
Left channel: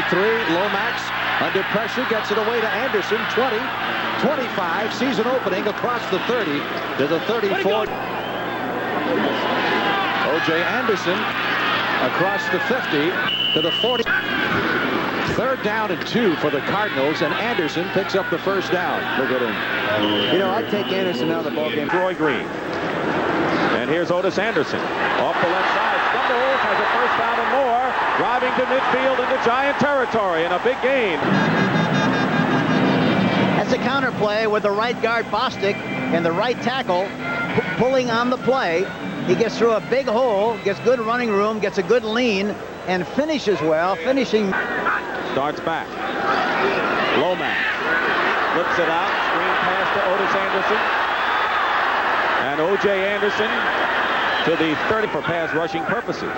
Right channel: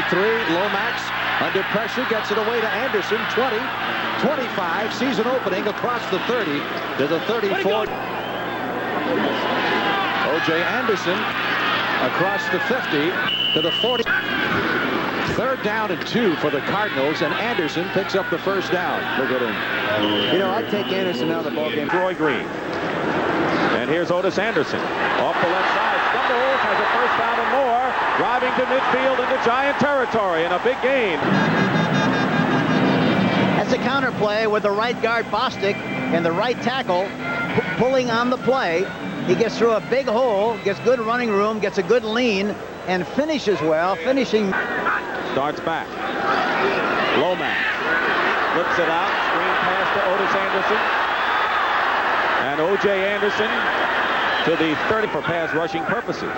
Lomax under pressure gets it away to Anderson. 20, 25. Season opening across the 30 to the 34. O.J. Anderson across the 50 to the 40. Third down and 2 for the Cardinals, and Anderson picks up the first down. Look at him. You know, I'd take Anderson out of the ball game. Troy Green. And here's Otis Anderson off the left side. Stumbles, has a first down and more. Driving to midfield into Giant territory and a big gain. That's a counter play with the right guard Bostic and the right tackle pulling on the play. He gets through a big hole, gets good running room, gets a good lean, and finishes well. Finishing. Starts back. Lomax flips it out. Screen pass to Otis Anderson. And O.J. Anderson to the 30 for pass rushing purposes.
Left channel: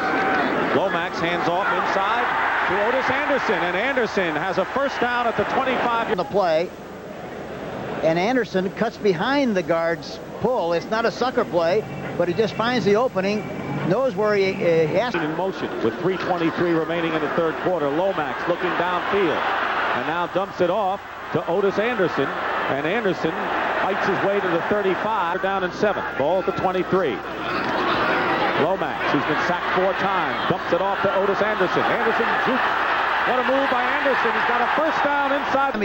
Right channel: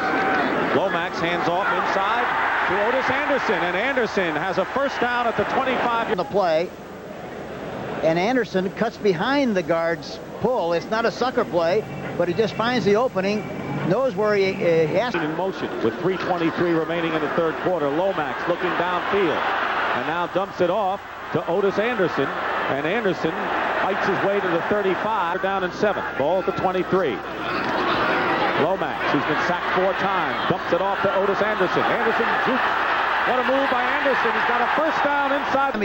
Lomax hands off inside to Otis Anderson. And Anderson has a first down at the 25. The play. And Anderson cuts behind the guard's pull. It's not a sucker play, but he just finds the opening, knows where he has to. In motion with 3:23 remaining in the third quarter. Lomax looking downfield and now dumps it off to Otis Anderson, and Anderson fights his way to the 35. Down and 7. Ball at the 23. Lomax, who's been sacked 4 times, dumps it off to Otis Anderson. Anderson jukes. What a move by Anderson. He's got a first down inside.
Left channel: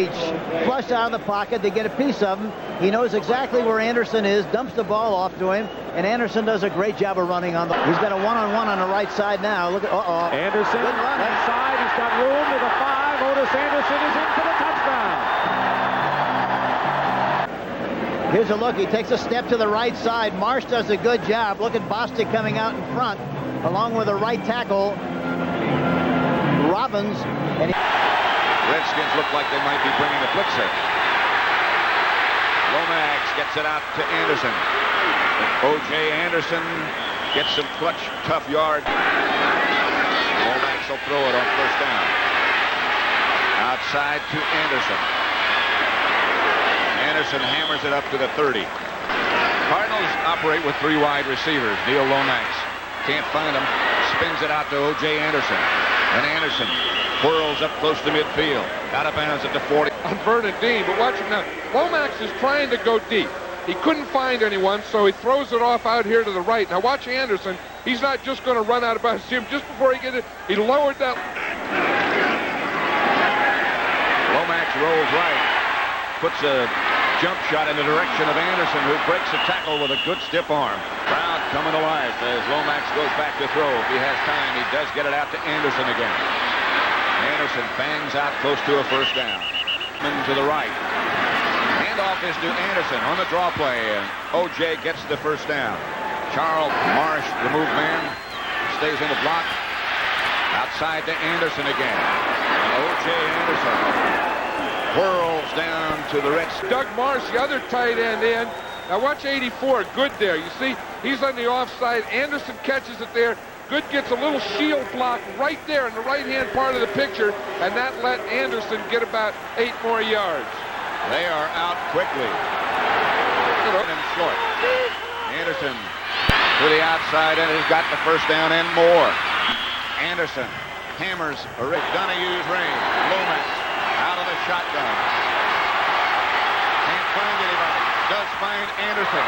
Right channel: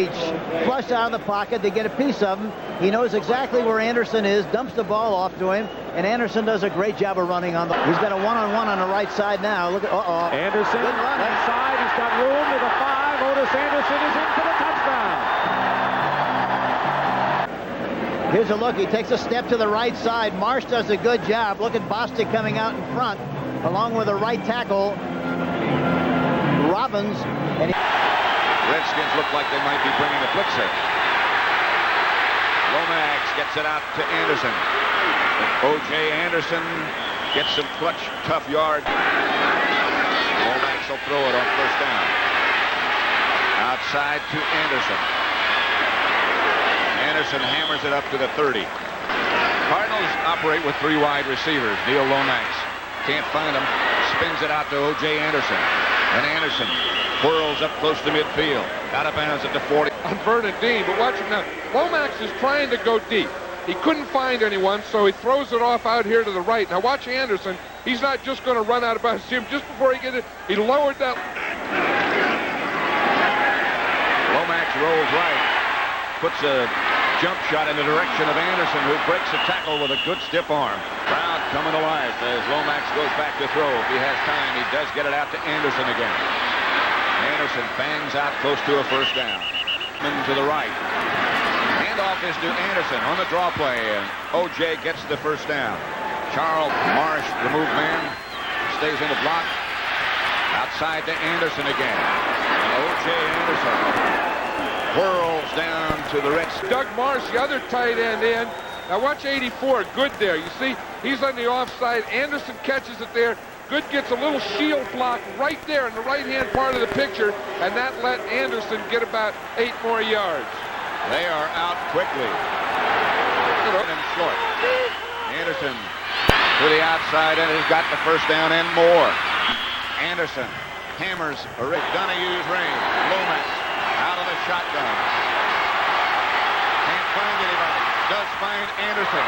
Flushed out of the pocket to get a piece of him. He knows exactly where Anderson is, dumps the ball off to him, and Anderson does a great job of running on the. He's got a one-on-one on the right side now. Look at Anderson left side. He's got room to the 5. Otis Anderson is in for the touchdown. Here's a look. He takes a step to the right side. Marsh does a good job. Look at Bostic coming out in front, along with the right tackle, Robbins. And Redskins look like they might be bringing a blitzer. Lomax gets it out to Anderson. O.J. Anderson gets some clutch, tough yard. Lomax will throw it on first down. Outside to Anderson. Anderson hammers it up to the 30. Cardinals operate with 3 wide receivers. Neil Lomax can't find him. Spins it out to O.J. Anderson. And Anderson whirls up close to midfield. Out of bounds at the 40. On Vernon Dean, but watch him now. Lomax is trying to go deep. He couldn't find anyone, so he throws it off out here to the right. Now watch Anderson. He's not just going to run out of bounds. See him just before he gets it. He lowered that. Lomax rolls right. Puts a jump shot in the direction of Anderson, who breaks a tackle with a good stiff arm. Crowd coming to life as Lomax goes back to throw. If he has time, he does get it out to Anderson again. Anderson bangs out close to a first down. To the right. Handoff is to Anderson on the draw play, and O.J. gets the first down. Charles Marsh, the move man, stays in the block. Outside to Anderson again. And O.J. Anderson whirls down to the Reds. Doug Marsh, the other tight end in. Now watch 84, Good there. You see, he's on the offside. Anderson catches it there. Good gets a little shield block right there in the right-hand part of the picture, and that let Anderson get about 8 more yards. They are out quickly. And short. Anderson to the outside, and has got the first down and more. Anderson hammers a Donahue's range. Lomax out of the shotgun. Can't find anybody. Does find Anderson.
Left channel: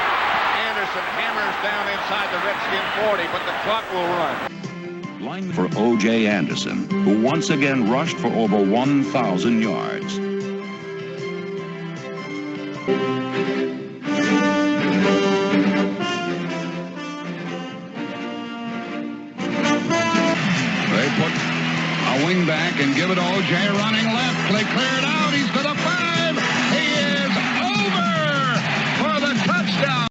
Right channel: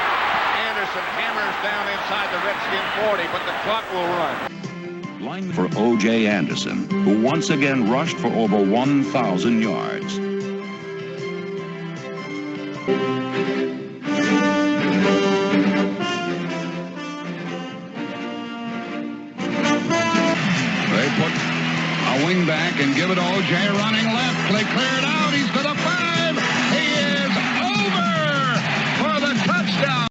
Anderson hammers down inside the Redskin 40, but the clock will run. Line for O.J. Anderson, who once again rushed for over 1,000 yards. They put Now wing back and give it to O.J. running left. They clear it out. He's to the 5. He is over for the touchdown.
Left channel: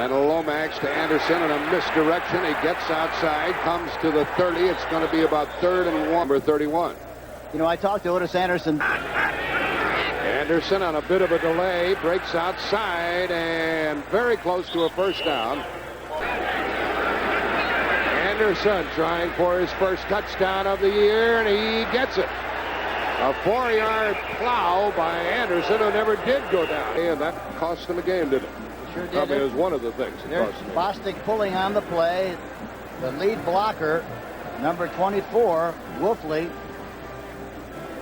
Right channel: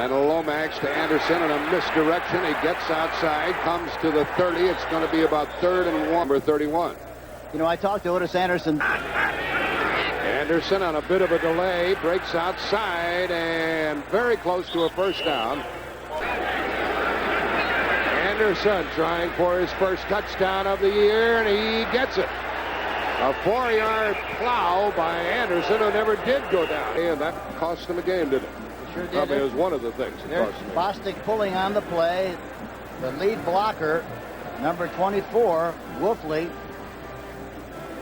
And Lomax to Anderson in a misdirection. He gets outside, comes to the 30. It's going to be about 3rd and 1. Number 31. You know, I talked to Otis Anderson. Anderson on a bit of a delay, breaks outside and very close to a first down. Anderson trying for his first touchdown of the year, and he gets it. A 4-yard plow by Anderson, who never did go down. And that cost him a game, didn't it? Sure did. Probably was one of the things that There's cost him. Bostic pulling on the play. The lead blocker, number 24, Wolfley,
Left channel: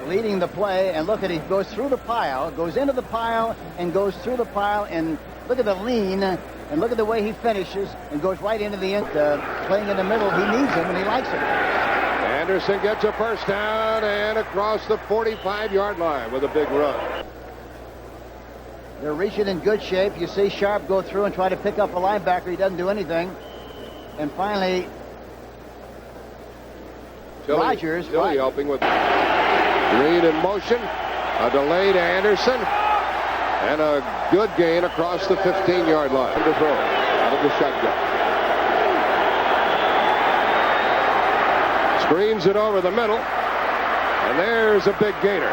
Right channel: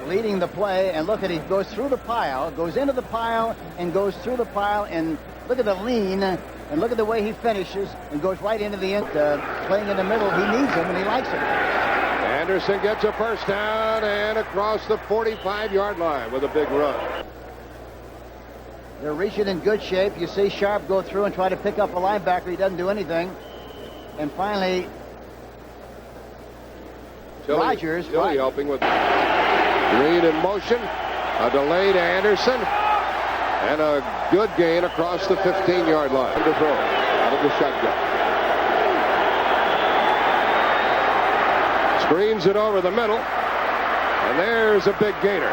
leading the play, and look at, he goes through the pile, goes into the pile, and goes through the pile, and look at the lean, and look at the way he finishes, and goes right into the end, playing in the middle. He needs him, and he likes it. Anderson gets a first down and across the 45-yard line with a big run. They're reaching in good shape. You see Sharp go through and try to pick up a linebacker. He doesn't do anything. And finally, Rogers. Tilly helping with Green in motion. A delay to Anderson. And a good gain across the 15-yard line. To throw out of the shotgun. Screens it over the middle. And there's a big gainer.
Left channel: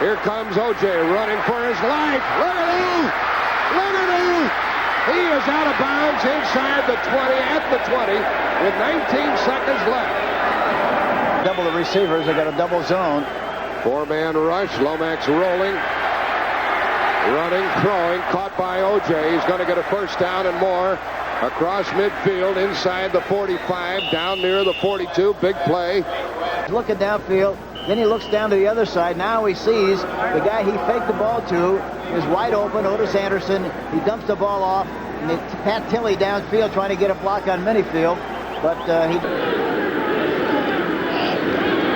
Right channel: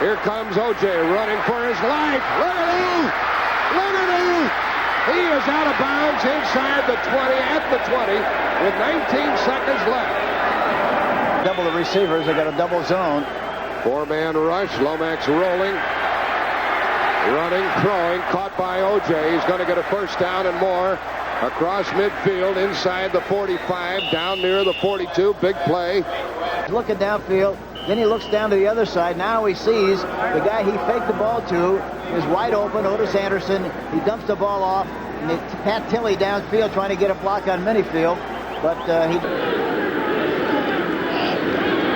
Here comes O.J. running for his life. Look at him! Look at him! He is out of bounds inside the 20, at the 20, with 19 seconds left. Double the receivers. They got a double zone. 4-man rush. Lomax rolling. Running, throwing, caught by O.J. He's going to get a first down and more. Across midfield, inside the 45, down near the 42. Big play. Looking downfield. Then he looks down to the other side. Now he sees the guy he faked the ball to is wide open, Otis Anderson. He dumps the ball off, and it's Pat Tilley downfield trying to get a block on Minifield. But he...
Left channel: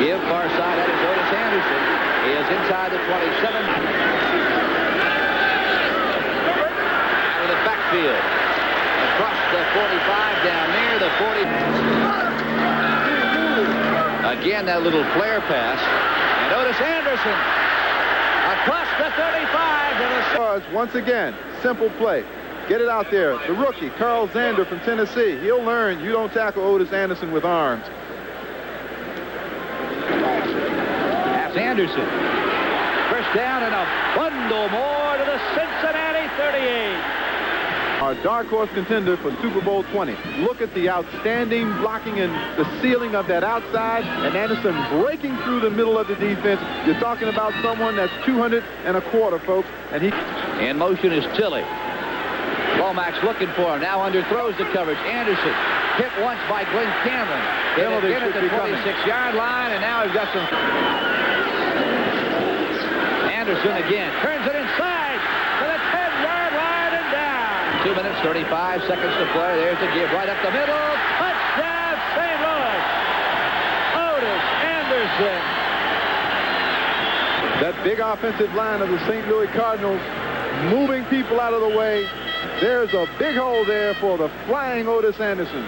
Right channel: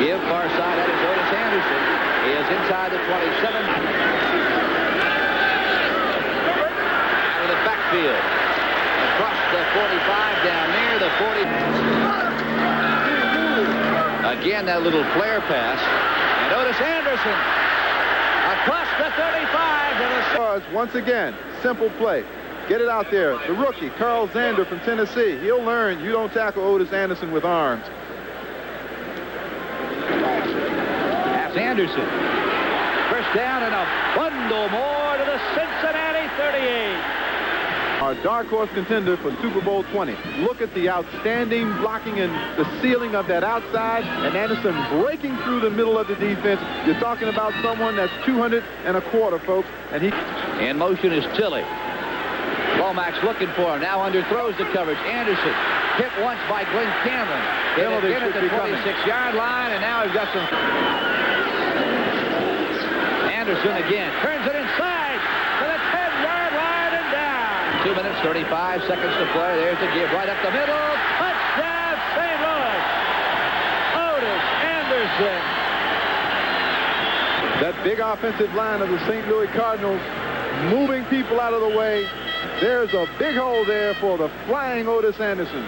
Give far side, that is Otis Anderson. He is inside the 27. Out of the backfield. Across the 45, down near the 40. Again, that little flare pass. And Otis Anderson across the 35 to the... Once again, simple play. Get it out there. The rookie, Carl Zander from Tennessee. He'll learn you don't tackle Otis Anderson with arms. That's Anderson. First down and a bundle more to the Cincinnati 38. Our dark horse contender for Super Bowl 20. Look at the outstanding blocking and the sealing of that outside, and Anderson breaking through the middle of the defense. You're talking about someone that's 225, folks, and he... In motion is Tilley. Lomax looking for him. Now underthrows the coverage. Anderson hit once by Glenn Cameron. Penalty Again at the 26-yard line, and now he's got some... Anderson again turns it inside to the 10-yard line and down. 2 minutes, 35 seconds to play. There's the give right up the middle. Touchdown, St. Louis. Otis Anderson. That big offensive line of the St. Louis Cardinals moving people out of the way. There's a big hole there for the flying Otis Anderson.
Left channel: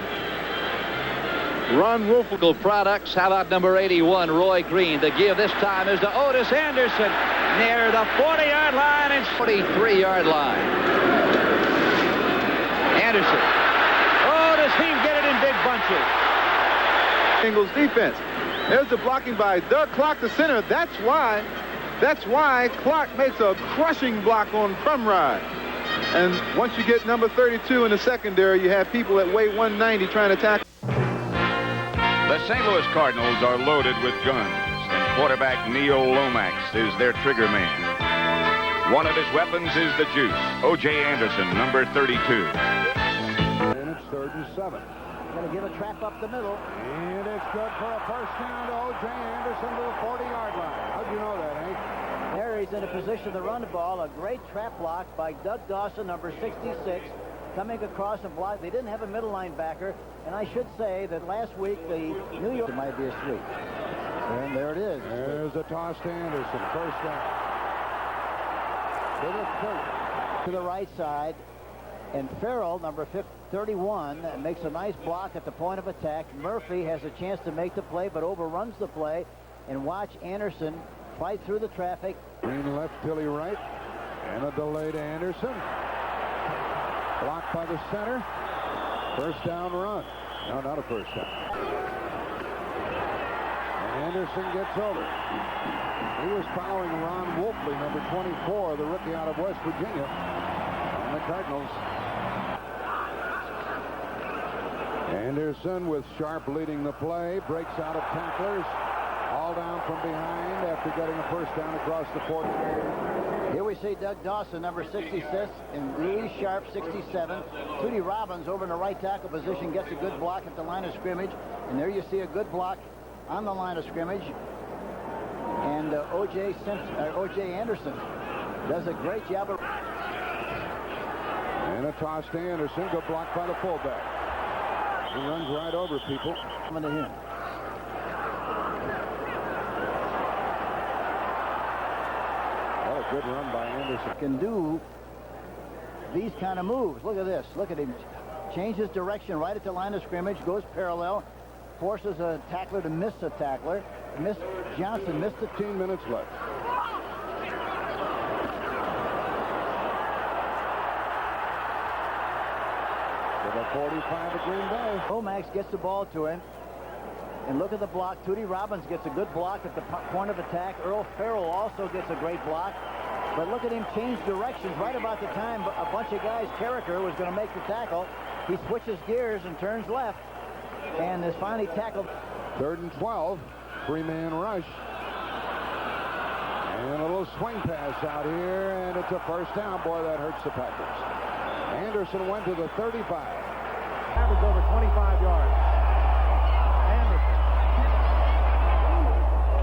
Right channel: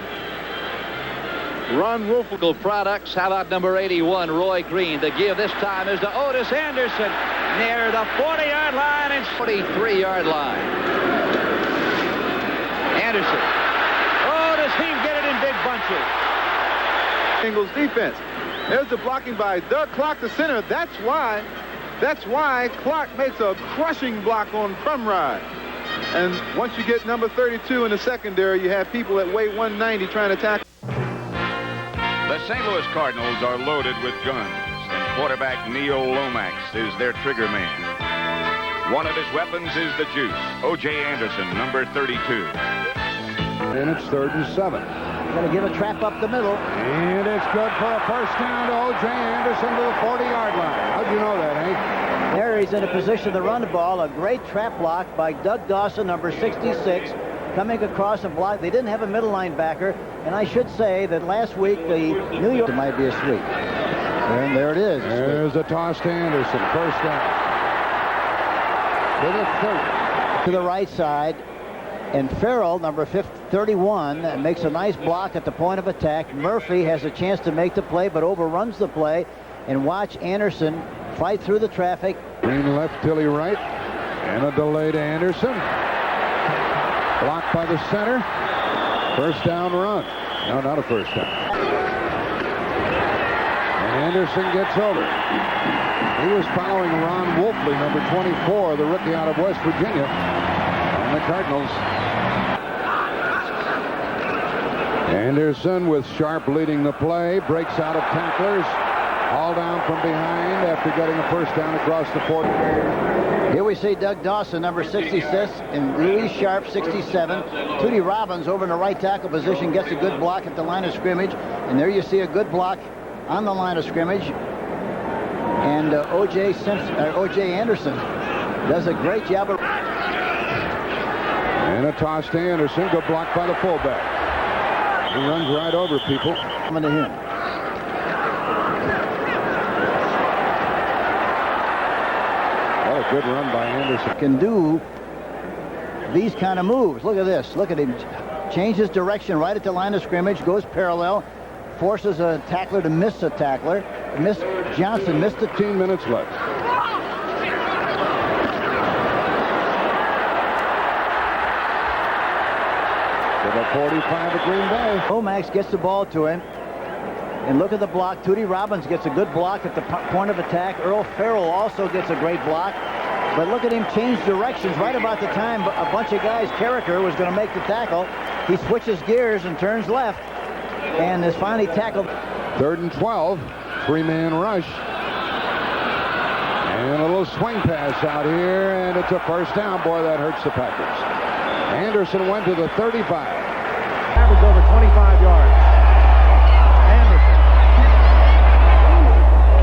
Ron Wolfle products. How about number 81, Roy Green? The give this time is to Otis Anderson near the 40-yard line and 43-yard line. Anderson. Oh, does he get it in big bunches? Ingles defense. There's the blocking by Doug Clark, the center. That's why Clark makes a crushing block on Crumride. And once you get number 32 in the secondary, you have people that weigh 190 trying to tackle. The St. Louis Cardinals are loaded with guns, and quarterback Neil Lomax is their trigger man. One of his weapons is the juice, O.J. Anderson, number 32. And it's 3rd and 7. Going to give a trap up the middle. And it's good for a first down to O.J. Anderson to the 40-yard line. How'd you know that, Hank? There he's in a position to run the ball. A great trap block by Doug Dawson, number 66, coming across a block. They didn't have a middle linebacker, and I should say that last week the New York... It might be a sweep. And there it is. There's a toss to Anderson. First down. To the right side. And Farrell, number 31, makes a nice block at the point of attack. Murphy has a chance to make the play, but overruns the play. And watch Anderson fight through the traffic. Green left, Tilly right. And a delay to Anderson. Blocked by the center. First down run. No, not a first down. And Anderson gets over. He was following Ron Wolfley, number 24, the rookie out of West Virginia. And the Cardinals. Anderson with Sharp leading the play. Breaks out of tacklers. All down from behind after getting a first down across the 40. Here we see Doug Dawson, number 66, and Louis Sharp, 67. Tootie Robbins over in the right tackle position gets a good block at the line of scrimmage. And there you see a good block on the line of scrimmage. And O.J. Anderson does a great job of... And a toss to Anderson. Good block by the fullback. He runs right over people. Coming to him. What a good run by Anderson. Can do these kind of moves. Look at this. Look at him. Changes direction right at the line of scrimmage. Goes parallel. Forces a tackler to miss a tackler. Johnson missed it. 15 minutes left. To the 45 of Green Bay. Lomax gets the ball to him. And look at the block. Tootie Robbins gets a good block at the point of attack. Earl Farrell also gets a great block. But look at him change directions right about the time a bunch of guys, Carricker was going to make the tackle. He switches gears and turns left and is finally tackled. 3rd and 12. 3-man rush. And a little swing pass out here, and it's a first down. Boy, that hurts the Packers. Anderson went to the 35. Average over 25 yards. Anderson.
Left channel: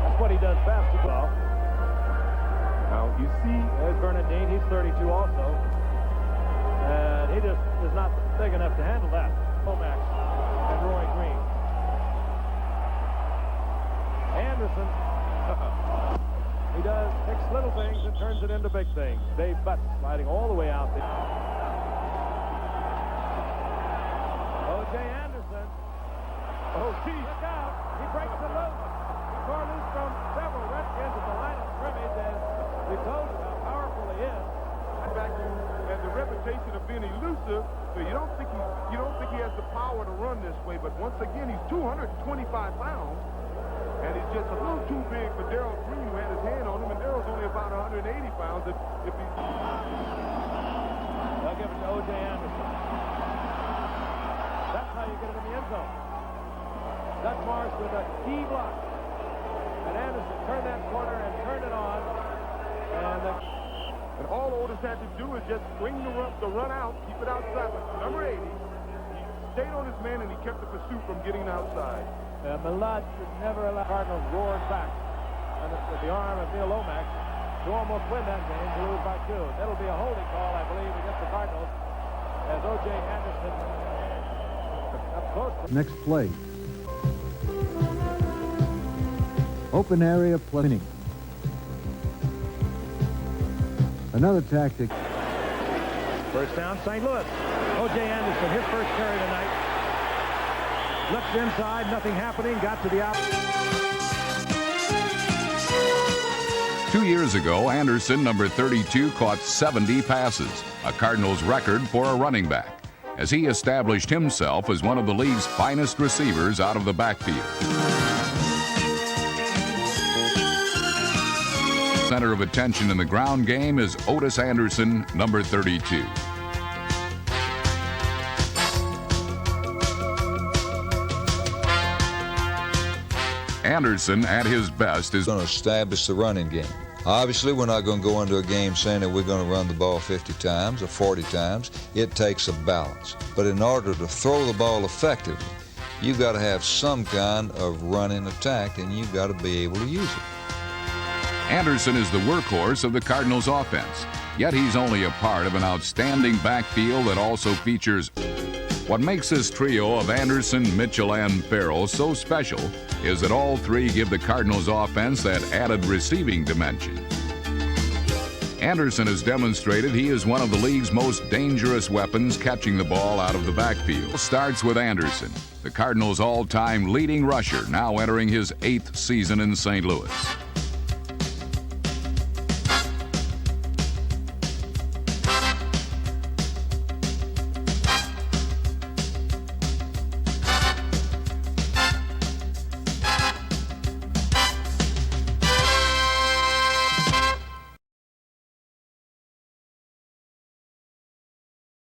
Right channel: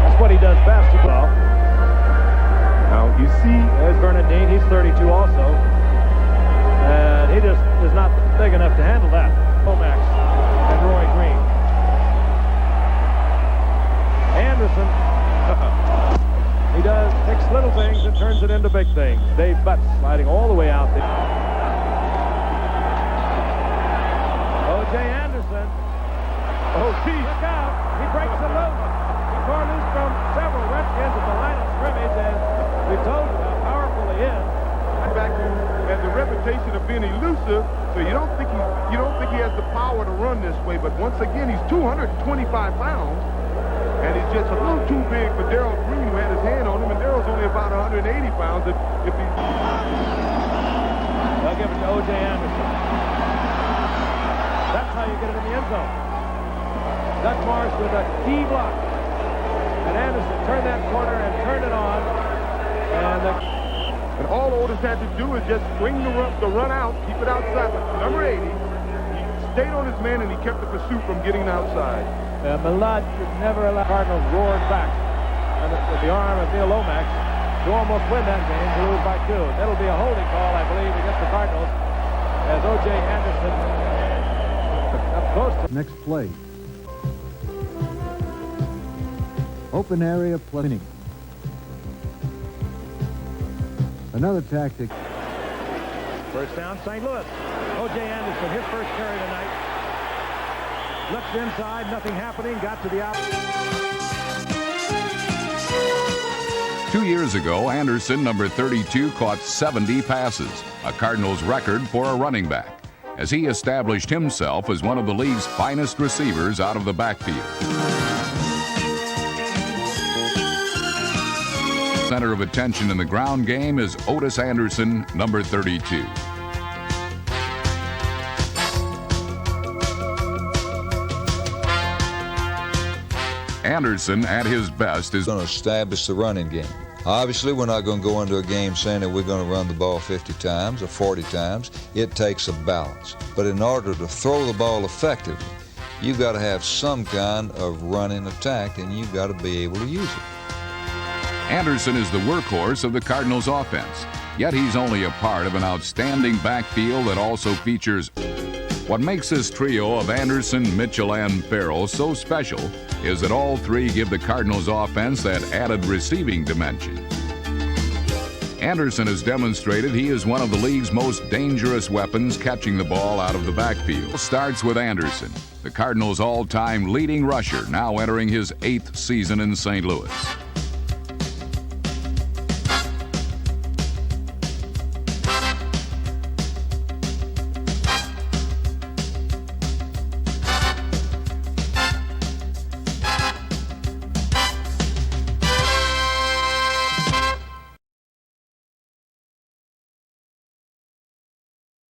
That's what he does best. Well, now you see, there's Bernadine. He's 32 also. And he just is not big enough to handle that. Lomax and Roy Green. Anderson. He takes little things and turns it into big things. Dave Butts sliding all the way out there. O.J. Anderson. Look out. He breaks it loose. He tore loose from several Redskins at the line of scrimmage, and we told you how powerful he is. Back has a reputation of being elusive, so you don't think he has the power to run this way. But once again, he's 225 pounds, and he's just a little too big for Darrell Green, who had his hand on him, and Darrell's only about 180 pounds. If he... They'll give it to O.J. Anderson. That's how you get it in the end zone. Doug Morris with a key block. And Anderson turned that corner and turned it on. And all Otis had to do is just swing the run out, keep it outside. But number 80, he stayed on his man and he kept the pursuit from getting outside. Millard should never allow Cardinals roared back. And with the arm of Neil Lomax to almost win that game, to lose by 2. That'll be a holding call, I believe, against the Cardinals as O.J. Anderson up close to... Next play. Open area plus. Another tactic. First down, St. Louis. O.J. Anderson, his first carry tonight. Looked inside, nothing happening, got to the outside. 2 years ago, Anderson, number 32, caught 70 passes, a Cardinals record for a running back, as he established himself as one of the league's finest receivers out of the backfield. Center of attention in the ground game is Otis Anderson, number 32. Anderson, at his best, is going to establish the running game. Obviously, we're not going to go into a game saying that we're going to run the ball 50 times or 40 times. It takes a balance. But in order to throw the ball effectively, you've got to have some kind of running attack, and you've got to be able to use it. Anderson is the workhorse of the Cardinals' offense, yet he's only a part of an outstanding backfield that also features. What makes this trio of Anderson, Mitchell, and Farrell so special is that all three give the Cardinals' offense that added receiving dimension. Anderson has demonstrated he is one of the league's most dangerous weapons catching the ball out of the backfield. Starts with Anderson, the Cardinals' all-time leading rusher, now entering his 8th season in St. Louis.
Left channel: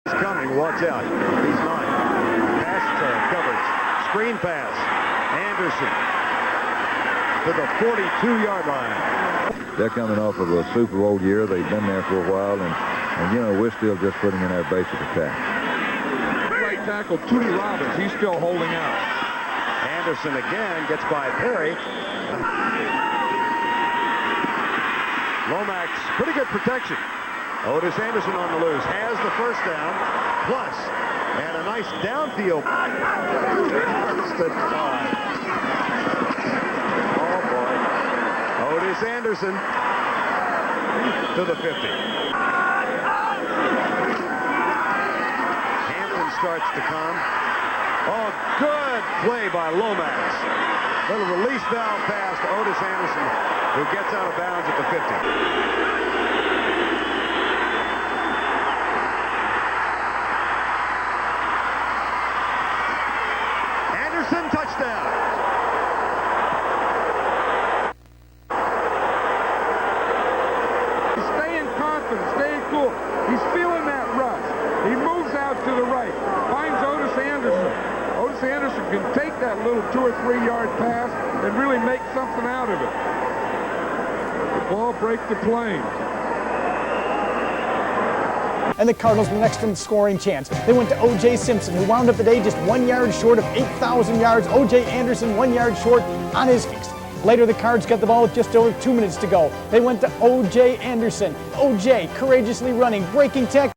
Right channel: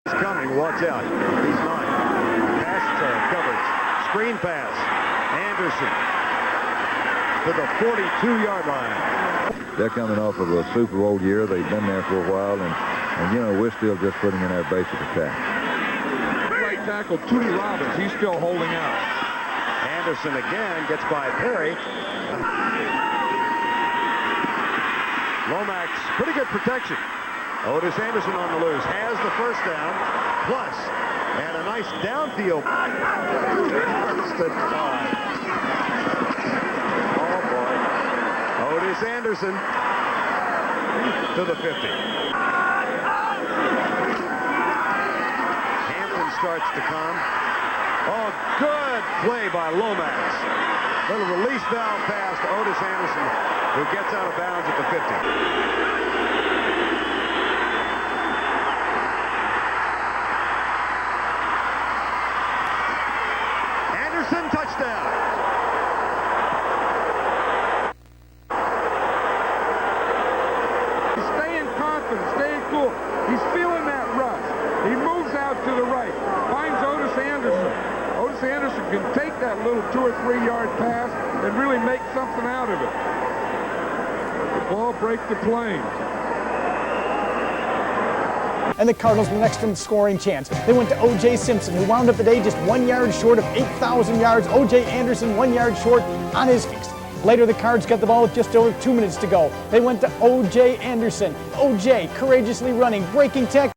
Coming, watch out. He's not. Pass coverage. Screen pass. Anderson to the 42-yard line. They're coming off of a Super Bowl year. They've been there for a while, and you know, we're still just putting in our basic attack. Right tackle, Tootie Robbins, he's still holding out. Anderson again gets by Perry. Lomax, pretty good protection. Otis Anderson on the loose, has the first down, plus, and a nice downfield. Oh, boy. Otis Anderson to the 50. Hampton starts to come. Oh, good play by Lomax. Little release valve pass to Otis Anderson, who gets out of bounds at the 50. Touchdown. He's staying confident, staying cool. He's feeling that rush. He moves out to the right, finds Otis Anderson. Otis Anderson can take that little 2 or 3 yard pass and really make something out of it. The ball breaks the plane. And the Cardinals were next in the scoring chance. They went to O.J. Simpson, who wound up the day just 1 yard short of 8,000 yards. O.J. Anderson 1 yard short on his kicks. Later, the Cards got the ball with just over 2 minutes to go. They went to O.J. Anderson. O.J. courageously running, breaking tackle.